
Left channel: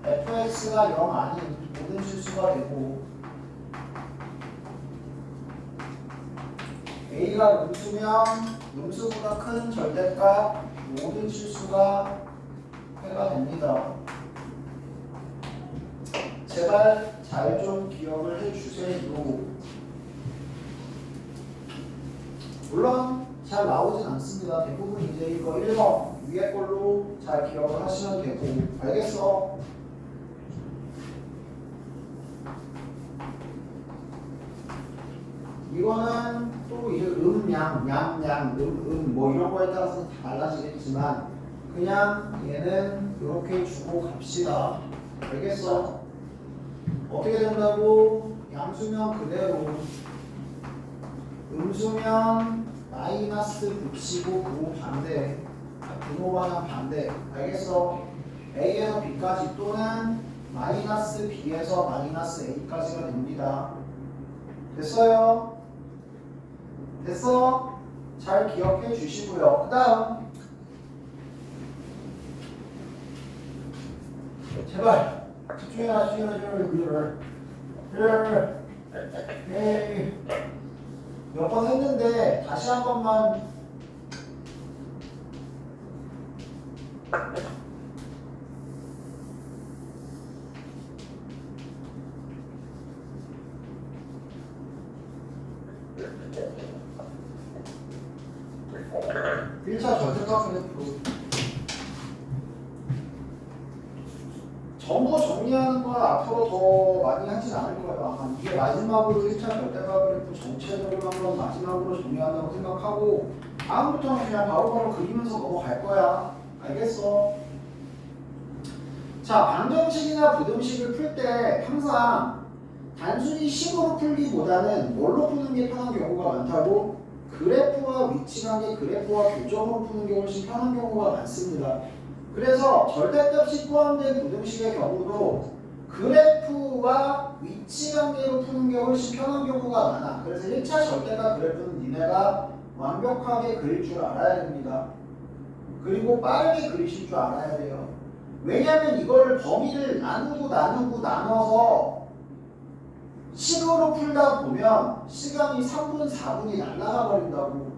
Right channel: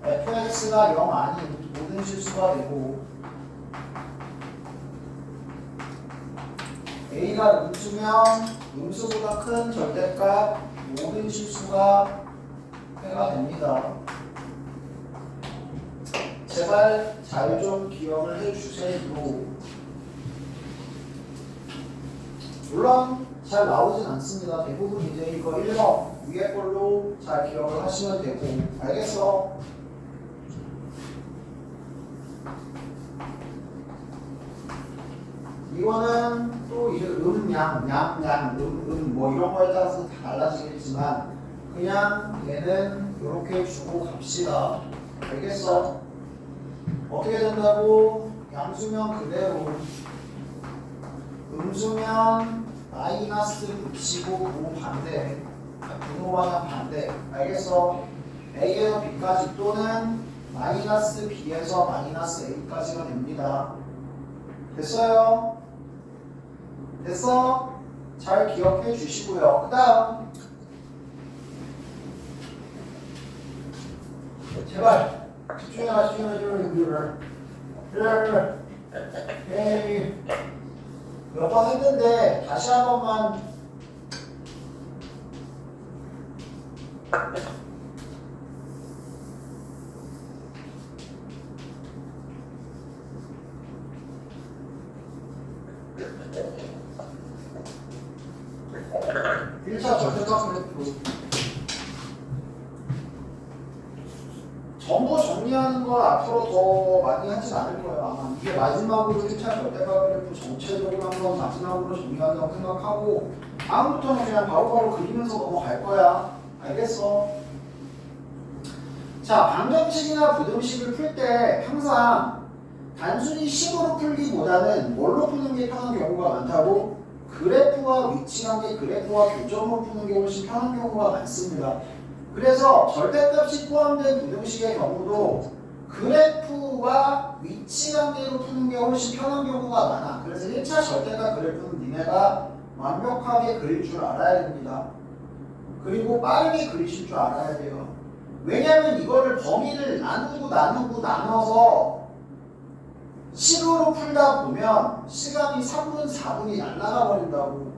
fx가 0 아닌 모든 실수가 되고 a가 음수면 음수보다 큰 절대값 모든 실수가 해가 됩니다. 제발 잘 좀 기억을 해주세요. 물론 잘 나오진 않습니다. 대부분 이제 이거 1번 위에 걸로 잘 기억을 하시면 되고, 알겠어? 이거는 또 이제 뭐 이런 거에 따라서 다 달라지겠지만 그냥 얘는 이렇게 주고 갑시다. 알겠어? 어떻게 된다고? 양수면 그대로, 음수면 마이너스 붙이고 분호 방향 반대. 알겠어? A에서 B까지 또는 마이너스 B에서 마이너스 A까지가 됩니다. 됐어요? 됐어? 잘 기억해 주시고요. 그 다음 제발 집중해라. 몇 번 했는데 다시 한 번만. 일차 절대값 그래프 전부 정리하는 건 앞으로 더 많이 하진 않을 거예요. 아마 이게 마지막으로 1차 절대값 그래프 전체적으로 한번 마지막으로 정리한다고 생각하고 다음부터는 그냥 바로바로 그리면서 넘어갈 거야. 알겠어? 자, 방정식이나 부등식을 풀 때 항상 단순히 식으로 풀기보다는 뭘로 푸는 게 편한 경우가 많다고? 그래프와 위치관계, 그래프와 교점으로 푸는 게 훨씬 편한 경우가 많습니다. 그래서 절대값이 포함된 부등식의 경우도 그래프와 위치관계로 푸는 게 훨씬 편한 경우가 많아. 그래서 1차 절대값 그래프는 니네가 완벽하게 그릴 줄 알아야 됩니다. 그리고 빠르게 그리실 줄 알아야 돼요. 왜냐면 이거를 범위를 나눠서 식으로 풀다 보면 시간이 3분, 4분이 날아가 버린다고.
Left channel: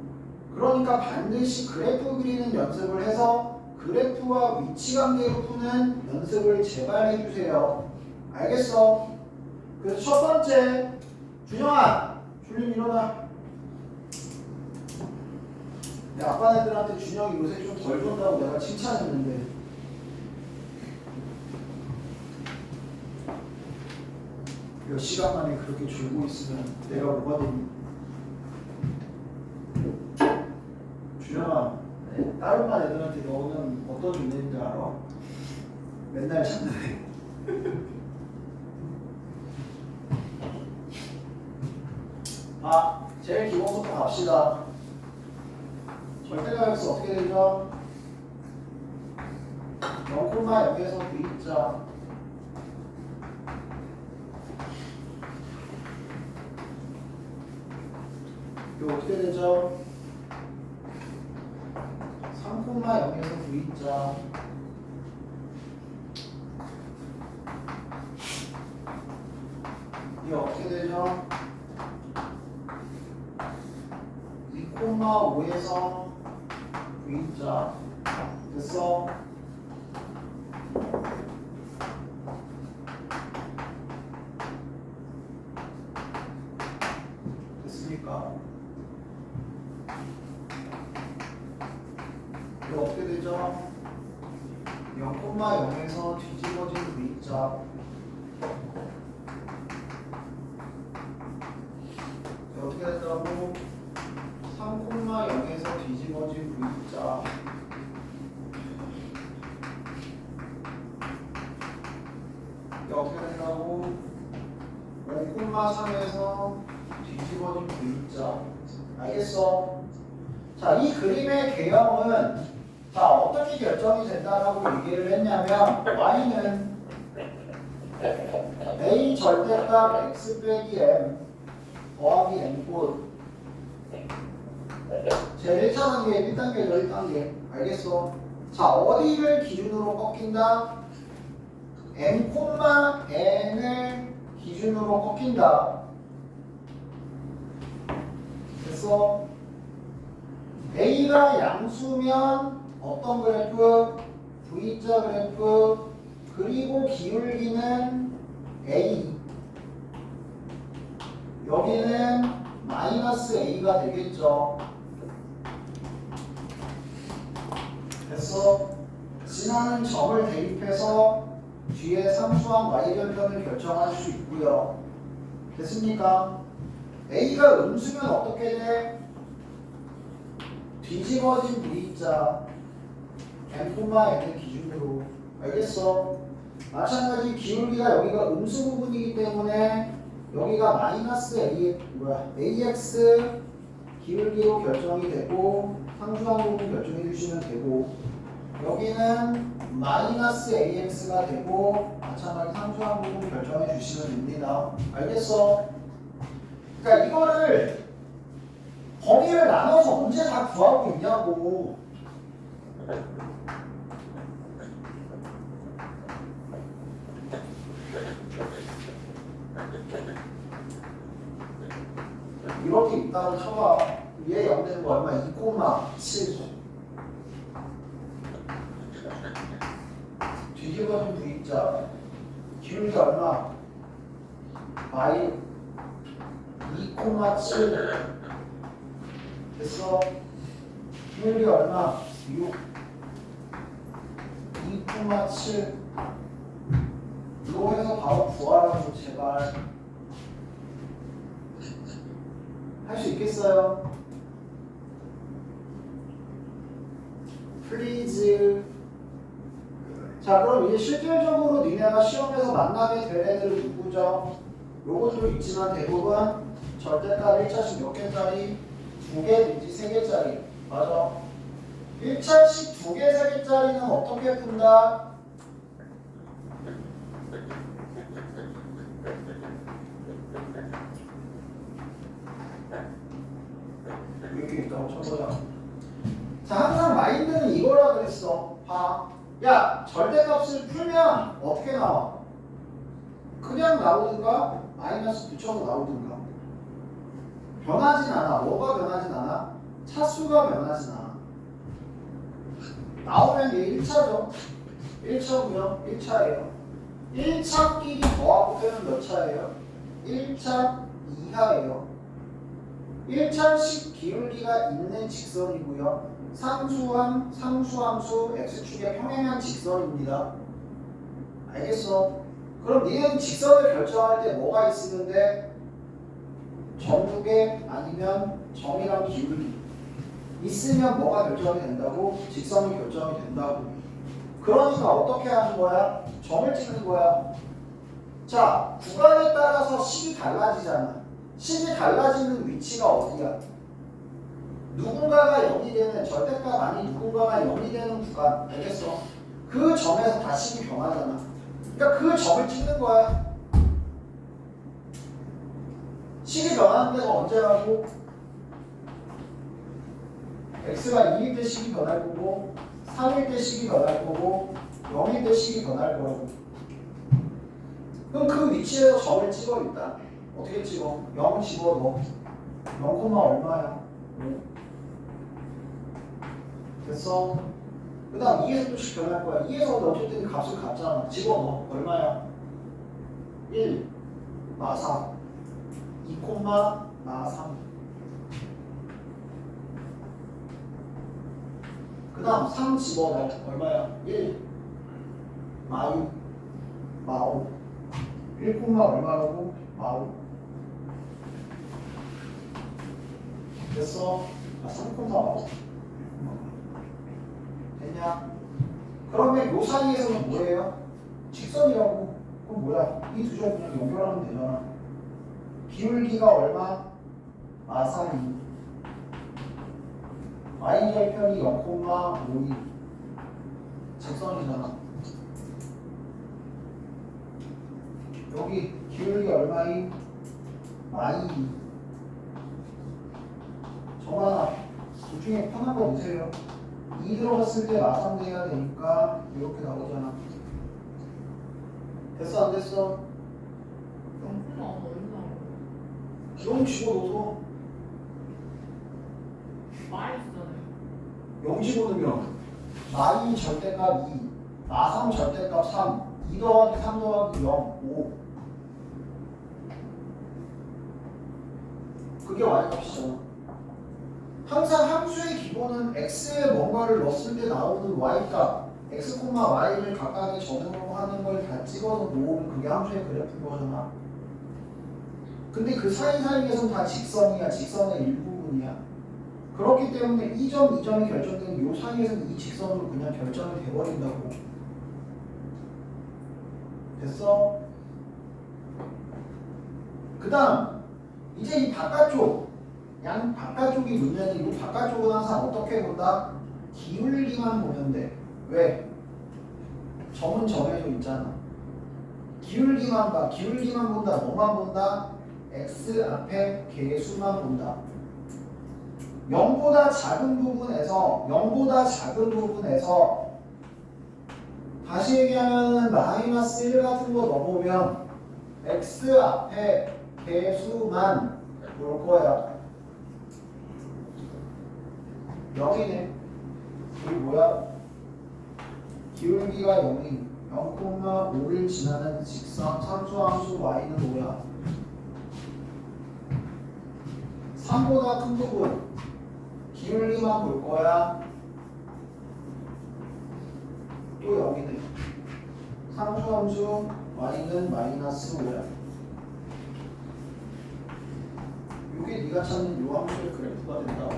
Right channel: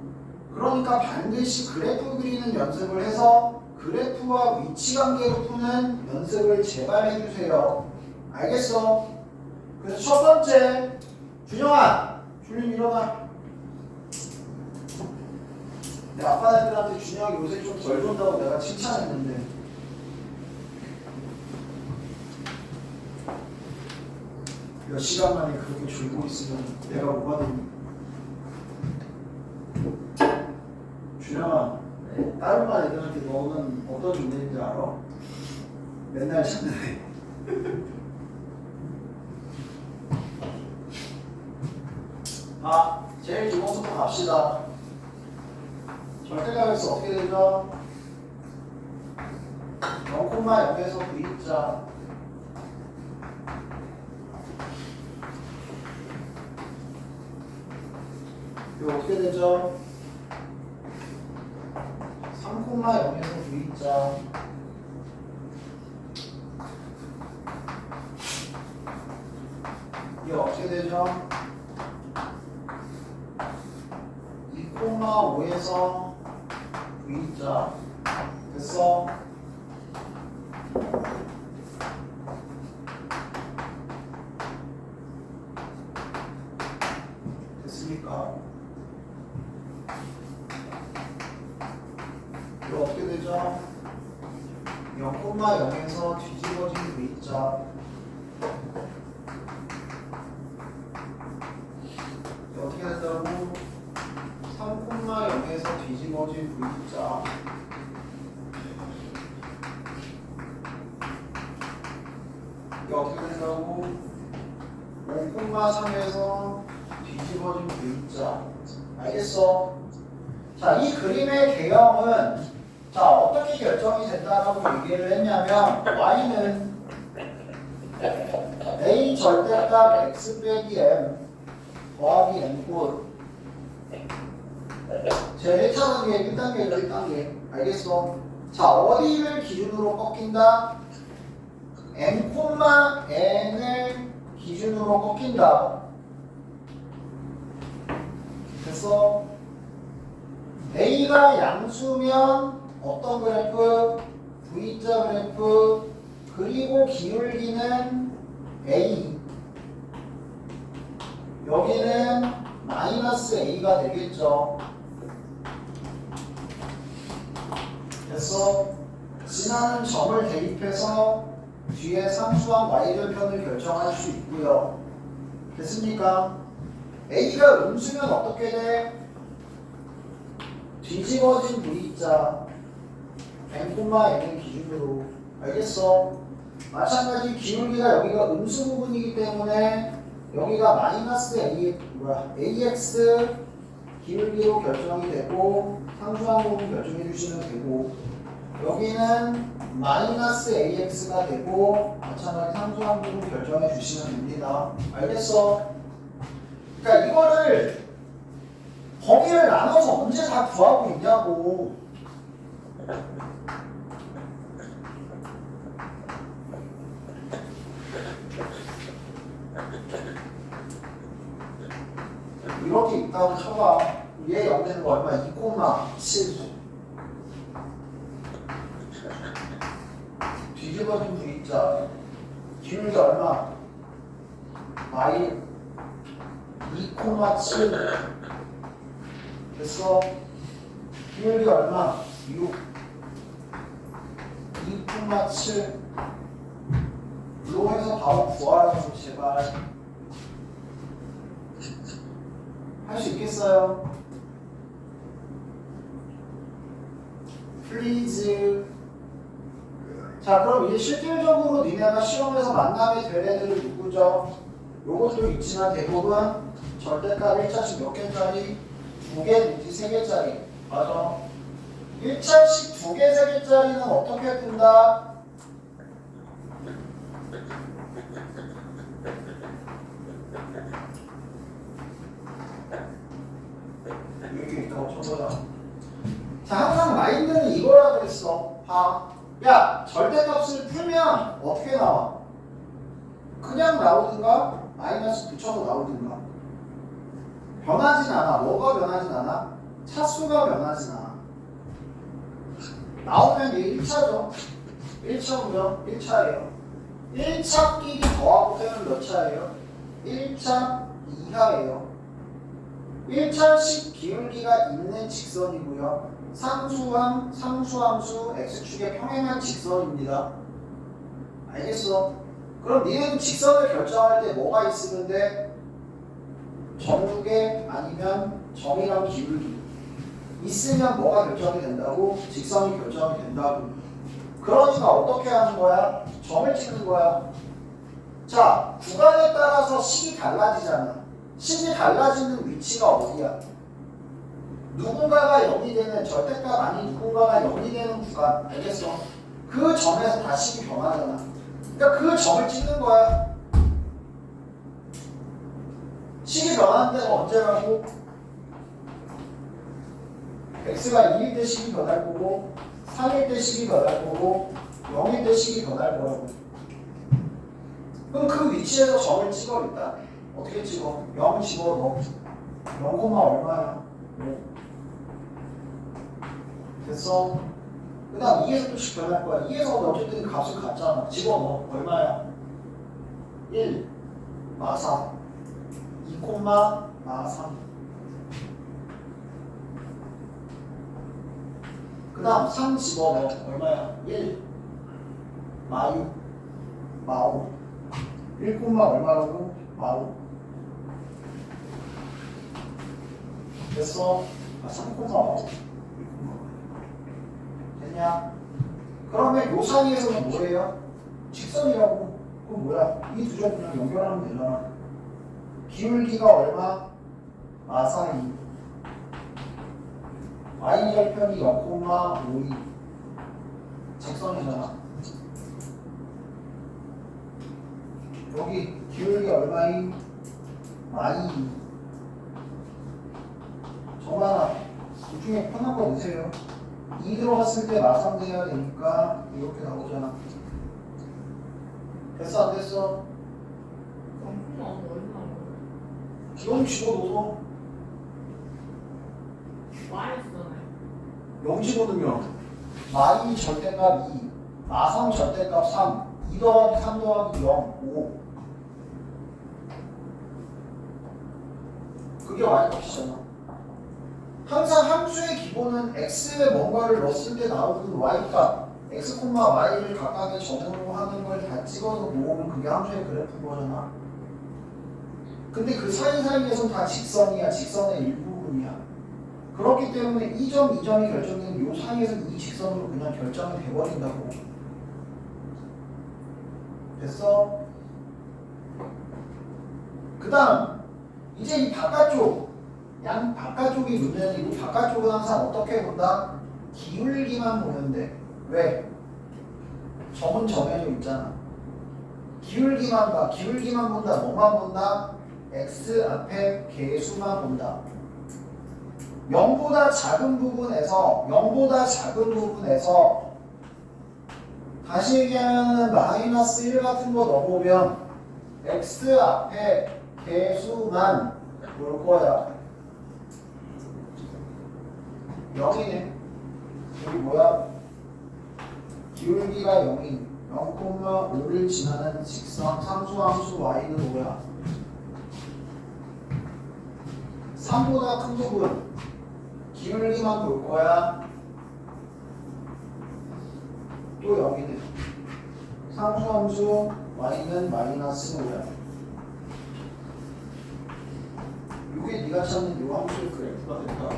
그러니까 반드시 그래프 그리는 연습을 해서 그래프와 위치관계로 푸는 연습을 제발 해주세요. 알겠어? 그래서 첫 번째, 준영아, 줄림 일어나. 내 아빠 애들한테 준영이 요새 좀 덜 존다고 내가 칭찬했는데 몇 시간 만에 그렇게 졸고 있으면 내가 뭐가 됩니까? 준영아, 다른 반 애들한테 너는 어떤 존재인지 알아? 맨날 찾는 제일 기본부터 갑시다. 절대값에서 어떻게 되죠? 0,0에서 V자 이거 어떻게 되죠? 3,0에서 V자 이거 어떻게 되죠? 2,5에서 V자 됐어? 됐습니까? 이거 어떻게 되죠? 0,0에서 뒤집어진 V자 이거 어떻게 된다고? 3,0에서 뒤집어진 V자 이거 어떻게 된다고? 5,3에서 뒤집어진 V자 알겠어? 자, 이 그림의 개형은 자 어떻게 결정이 된다라고 얘기를 했냐면 y는 a 절대값 x 빼기 m 더하기 n꼴 제 1차 단계 1단계죠 1단계 알겠어? 자 어디를 기준으로 꺾인다? m, n을 기준으로 꺾인다 됐어? A가 양수면 어떤 그래프? V자 그래프 그리고 기울기는 A 여기는 마이너스 A가 되겠죠. 그래서 지나는 점을 대입해서 뒤에 상수항 y절편을 결정할 수 있고요. 됐습니까? A가 음수면 어떻게 돼? 뒤집어진 V자 N의 기준으로. 알겠어? 마찬가지 기울기가 여기가 음수 부분이기 때문에 여기가 마이너스 AX 기울기로 결정이 되고 상수항 부분 결정해 주시면 되고, 여기는 마이너스 AX가 되고 마찬가지 상수항 부분 결정해 주시면 됩니다. 알겠어? 그러니까 이거를 범위를 나눠서 언제 다 구하고 있냐고. 이렇게 있다고 쳐봐. 얘 영되는 거 얼마? 2,7. 뒤집어진 V자 기울기 얼마? 마이 2,7. 됐어? 기울기 얼마? 6. 2,7. 로 해서 바로 구하라고 제발. 할 수 있겠어요? 플리즈. 자, 그럼 이제 실질적으로 니네가 시험에서 만나게 될 애들은 누구죠? 요것도 있지만 대부분 절대값 1차씩 몇 개짜리? 2개 내지 3개짜리. 맞아. 1차씩 2개, 3개짜리는 어떻게 푼다? 이렇게 있다고 쳐보자. 자, 항상 마인드는 이거라 그랬어. 봐. 야, 절대값을 풀면 어떻게 나와? 그냥 나오든가 마이너스 붙여서 나오든가. 변하진 않아. 뭐가 변하진 않아? 차수가 변하진 않아. 나오면 얘 1차죠. 1차고요. 1차예요. 1차끼리 더하고 빼면 몇 차예요? 1차 이하예요. 1차씩 기울기가 있는 직선이고요. 상수함, 상수함수 x축의 평행한 직선입니다. 알겠어? 그럼 니는 직선을 결정할 때 뭐가 있으면 돼? 전국에 아니면 점이랑 기울기 있으면 뭐가 결정이 된다고? 직선이 결정이 된다고. 그러니까 어떻게 하는 거야? 점을 찍는 거야. 자, 구간에 따라서 식이 달라지잖아. 식이 달라지는 위치가 어디야? 누군가가 0이 되는 절대값 아닌 누군가가 0이 되는 구간. 알겠어? 그 점에서 다 식이 변하잖아. 그러니까 그 점을 찍는 거야. 식이 변하는 데가 언제라고? x가 2일 때 식이 변할 거고 3일 때 식이 변할 거고 0일 때 식이 변할 거라고. 그럼 그 위치에서 점을 찍어 일단. 어떻게 찍어? 0 집어넣어. 0, 얼마야? 5. 됐어? 그 다음 2에서 또씩 변할 거야. 2에서는 어쨌든 값을 갖잖아. 집어넣어. 얼마야? 1, 마 4. 2, 마 3. 그 다음 3 집어넣어. 얼마야? 1, 마 6, 마 5. 1, 얼마라고? 마 5. 됐어? 3, 5. 됐냐? 그러면 요 사이에서는 뭐예요? 직선이라고. 그럼 뭐야? 이 두 점 그냥 연결하면 되잖아. 기울기가 얼마? 마 2. y절편이 0,52. 직선이잖아. 여기 기울기 얼마인? 마2. 정말 둘 중에 편한 거 보세요. 2 들어갔을 때 마3 돼야 되니까 이렇게 나오잖아. 됐어 안 됐어? 영품 나오면 얼마나? 0 집어넣어서 와이스잖아요. 0 집어넣으면 마2 절대값 2, 마3 절대값 3, 2 더하기 3 더하기 0, 5. 그게 y값이잖아. 항상 함수의 기본은 x에 뭔가를 넣었을 때 나오는 y값, x, y를 각각의 점으로 하는 걸 다 찍어서 모으면 그게 함수의 그래프인 거잖아. 근데 그 사이사이에선 다 직선이야. 직선의 일부분이야. 그렇기 때문에 이 점, 이 점이 결정된 이 사이에서는 이 직선으로 그냥 결정이 돼버린다고. 됐어? 그 다음 이제 이 바깥쪽 양 바깥쪽이 문제는 이 바깥쪽은 항상 어떻게 본다? 기울기만 보면 돼. 왜? 점은 정해져 있잖아. 기울기만 봐. 기울기만 본다. 뭐만 본다? x 앞에 개수만 본다. 0보다 작은 부분에서 다시 얘기하면 마이너스 1 같은 거 넣어보면 x 앞에 개수만 볼 거야. 0이네. 여기 뭐야? 기울기가 0인 0,5를 지나는 직선 상수함수 y는 뭐야? 3보다 큰 부분 기울기만 볼 거야. 또 0이네. 상수함수 y는 마이너스 5야. 이게 네가 찾는 이 함수의 그래프가 된다.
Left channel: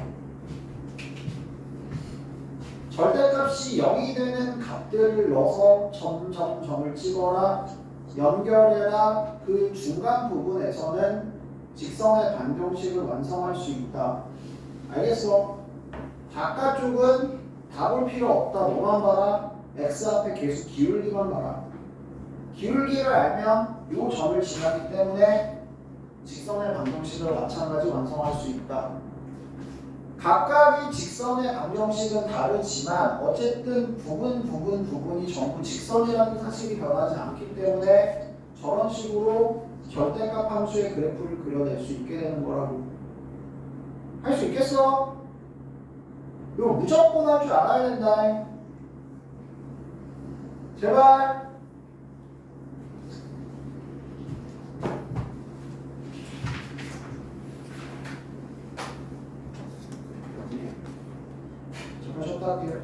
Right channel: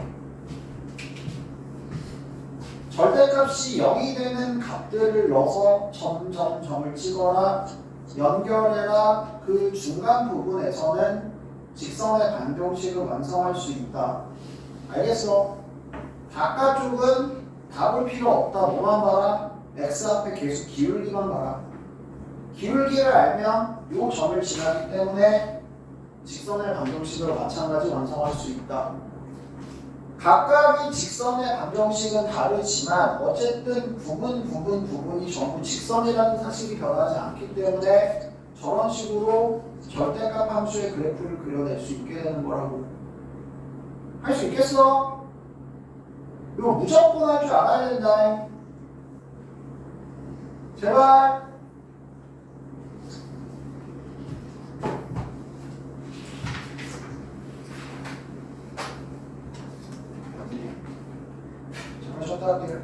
절대값이 0이 되는 값들을 넣어서 점을 찍어라. 연결해라. 그 중간 부분에서는 직선의 반경식을 완성할 수 있다. 알겠어? 바깥쪽은 다 볼 필요 없다. 뭐만 봐라? x 앞에 계속 기울기만 봐라. 기울기를 알면 이 점을 지나기 때문에 직선의 반경식을 마찬가지 완성할 수 있다. 각각의 직선의 반경식은 다르지만 어쨌든 부분이 전부 직선이라는 사실이 변하지 않기 때문에 저런 식으로 절대값 함수의 그래프를 그려낼 수 있게 되는 거라고. 할 수 있겠어? 이거 무조건 할 줄 알아야 된다. 제발. 잠깐 쉬었다 할게요.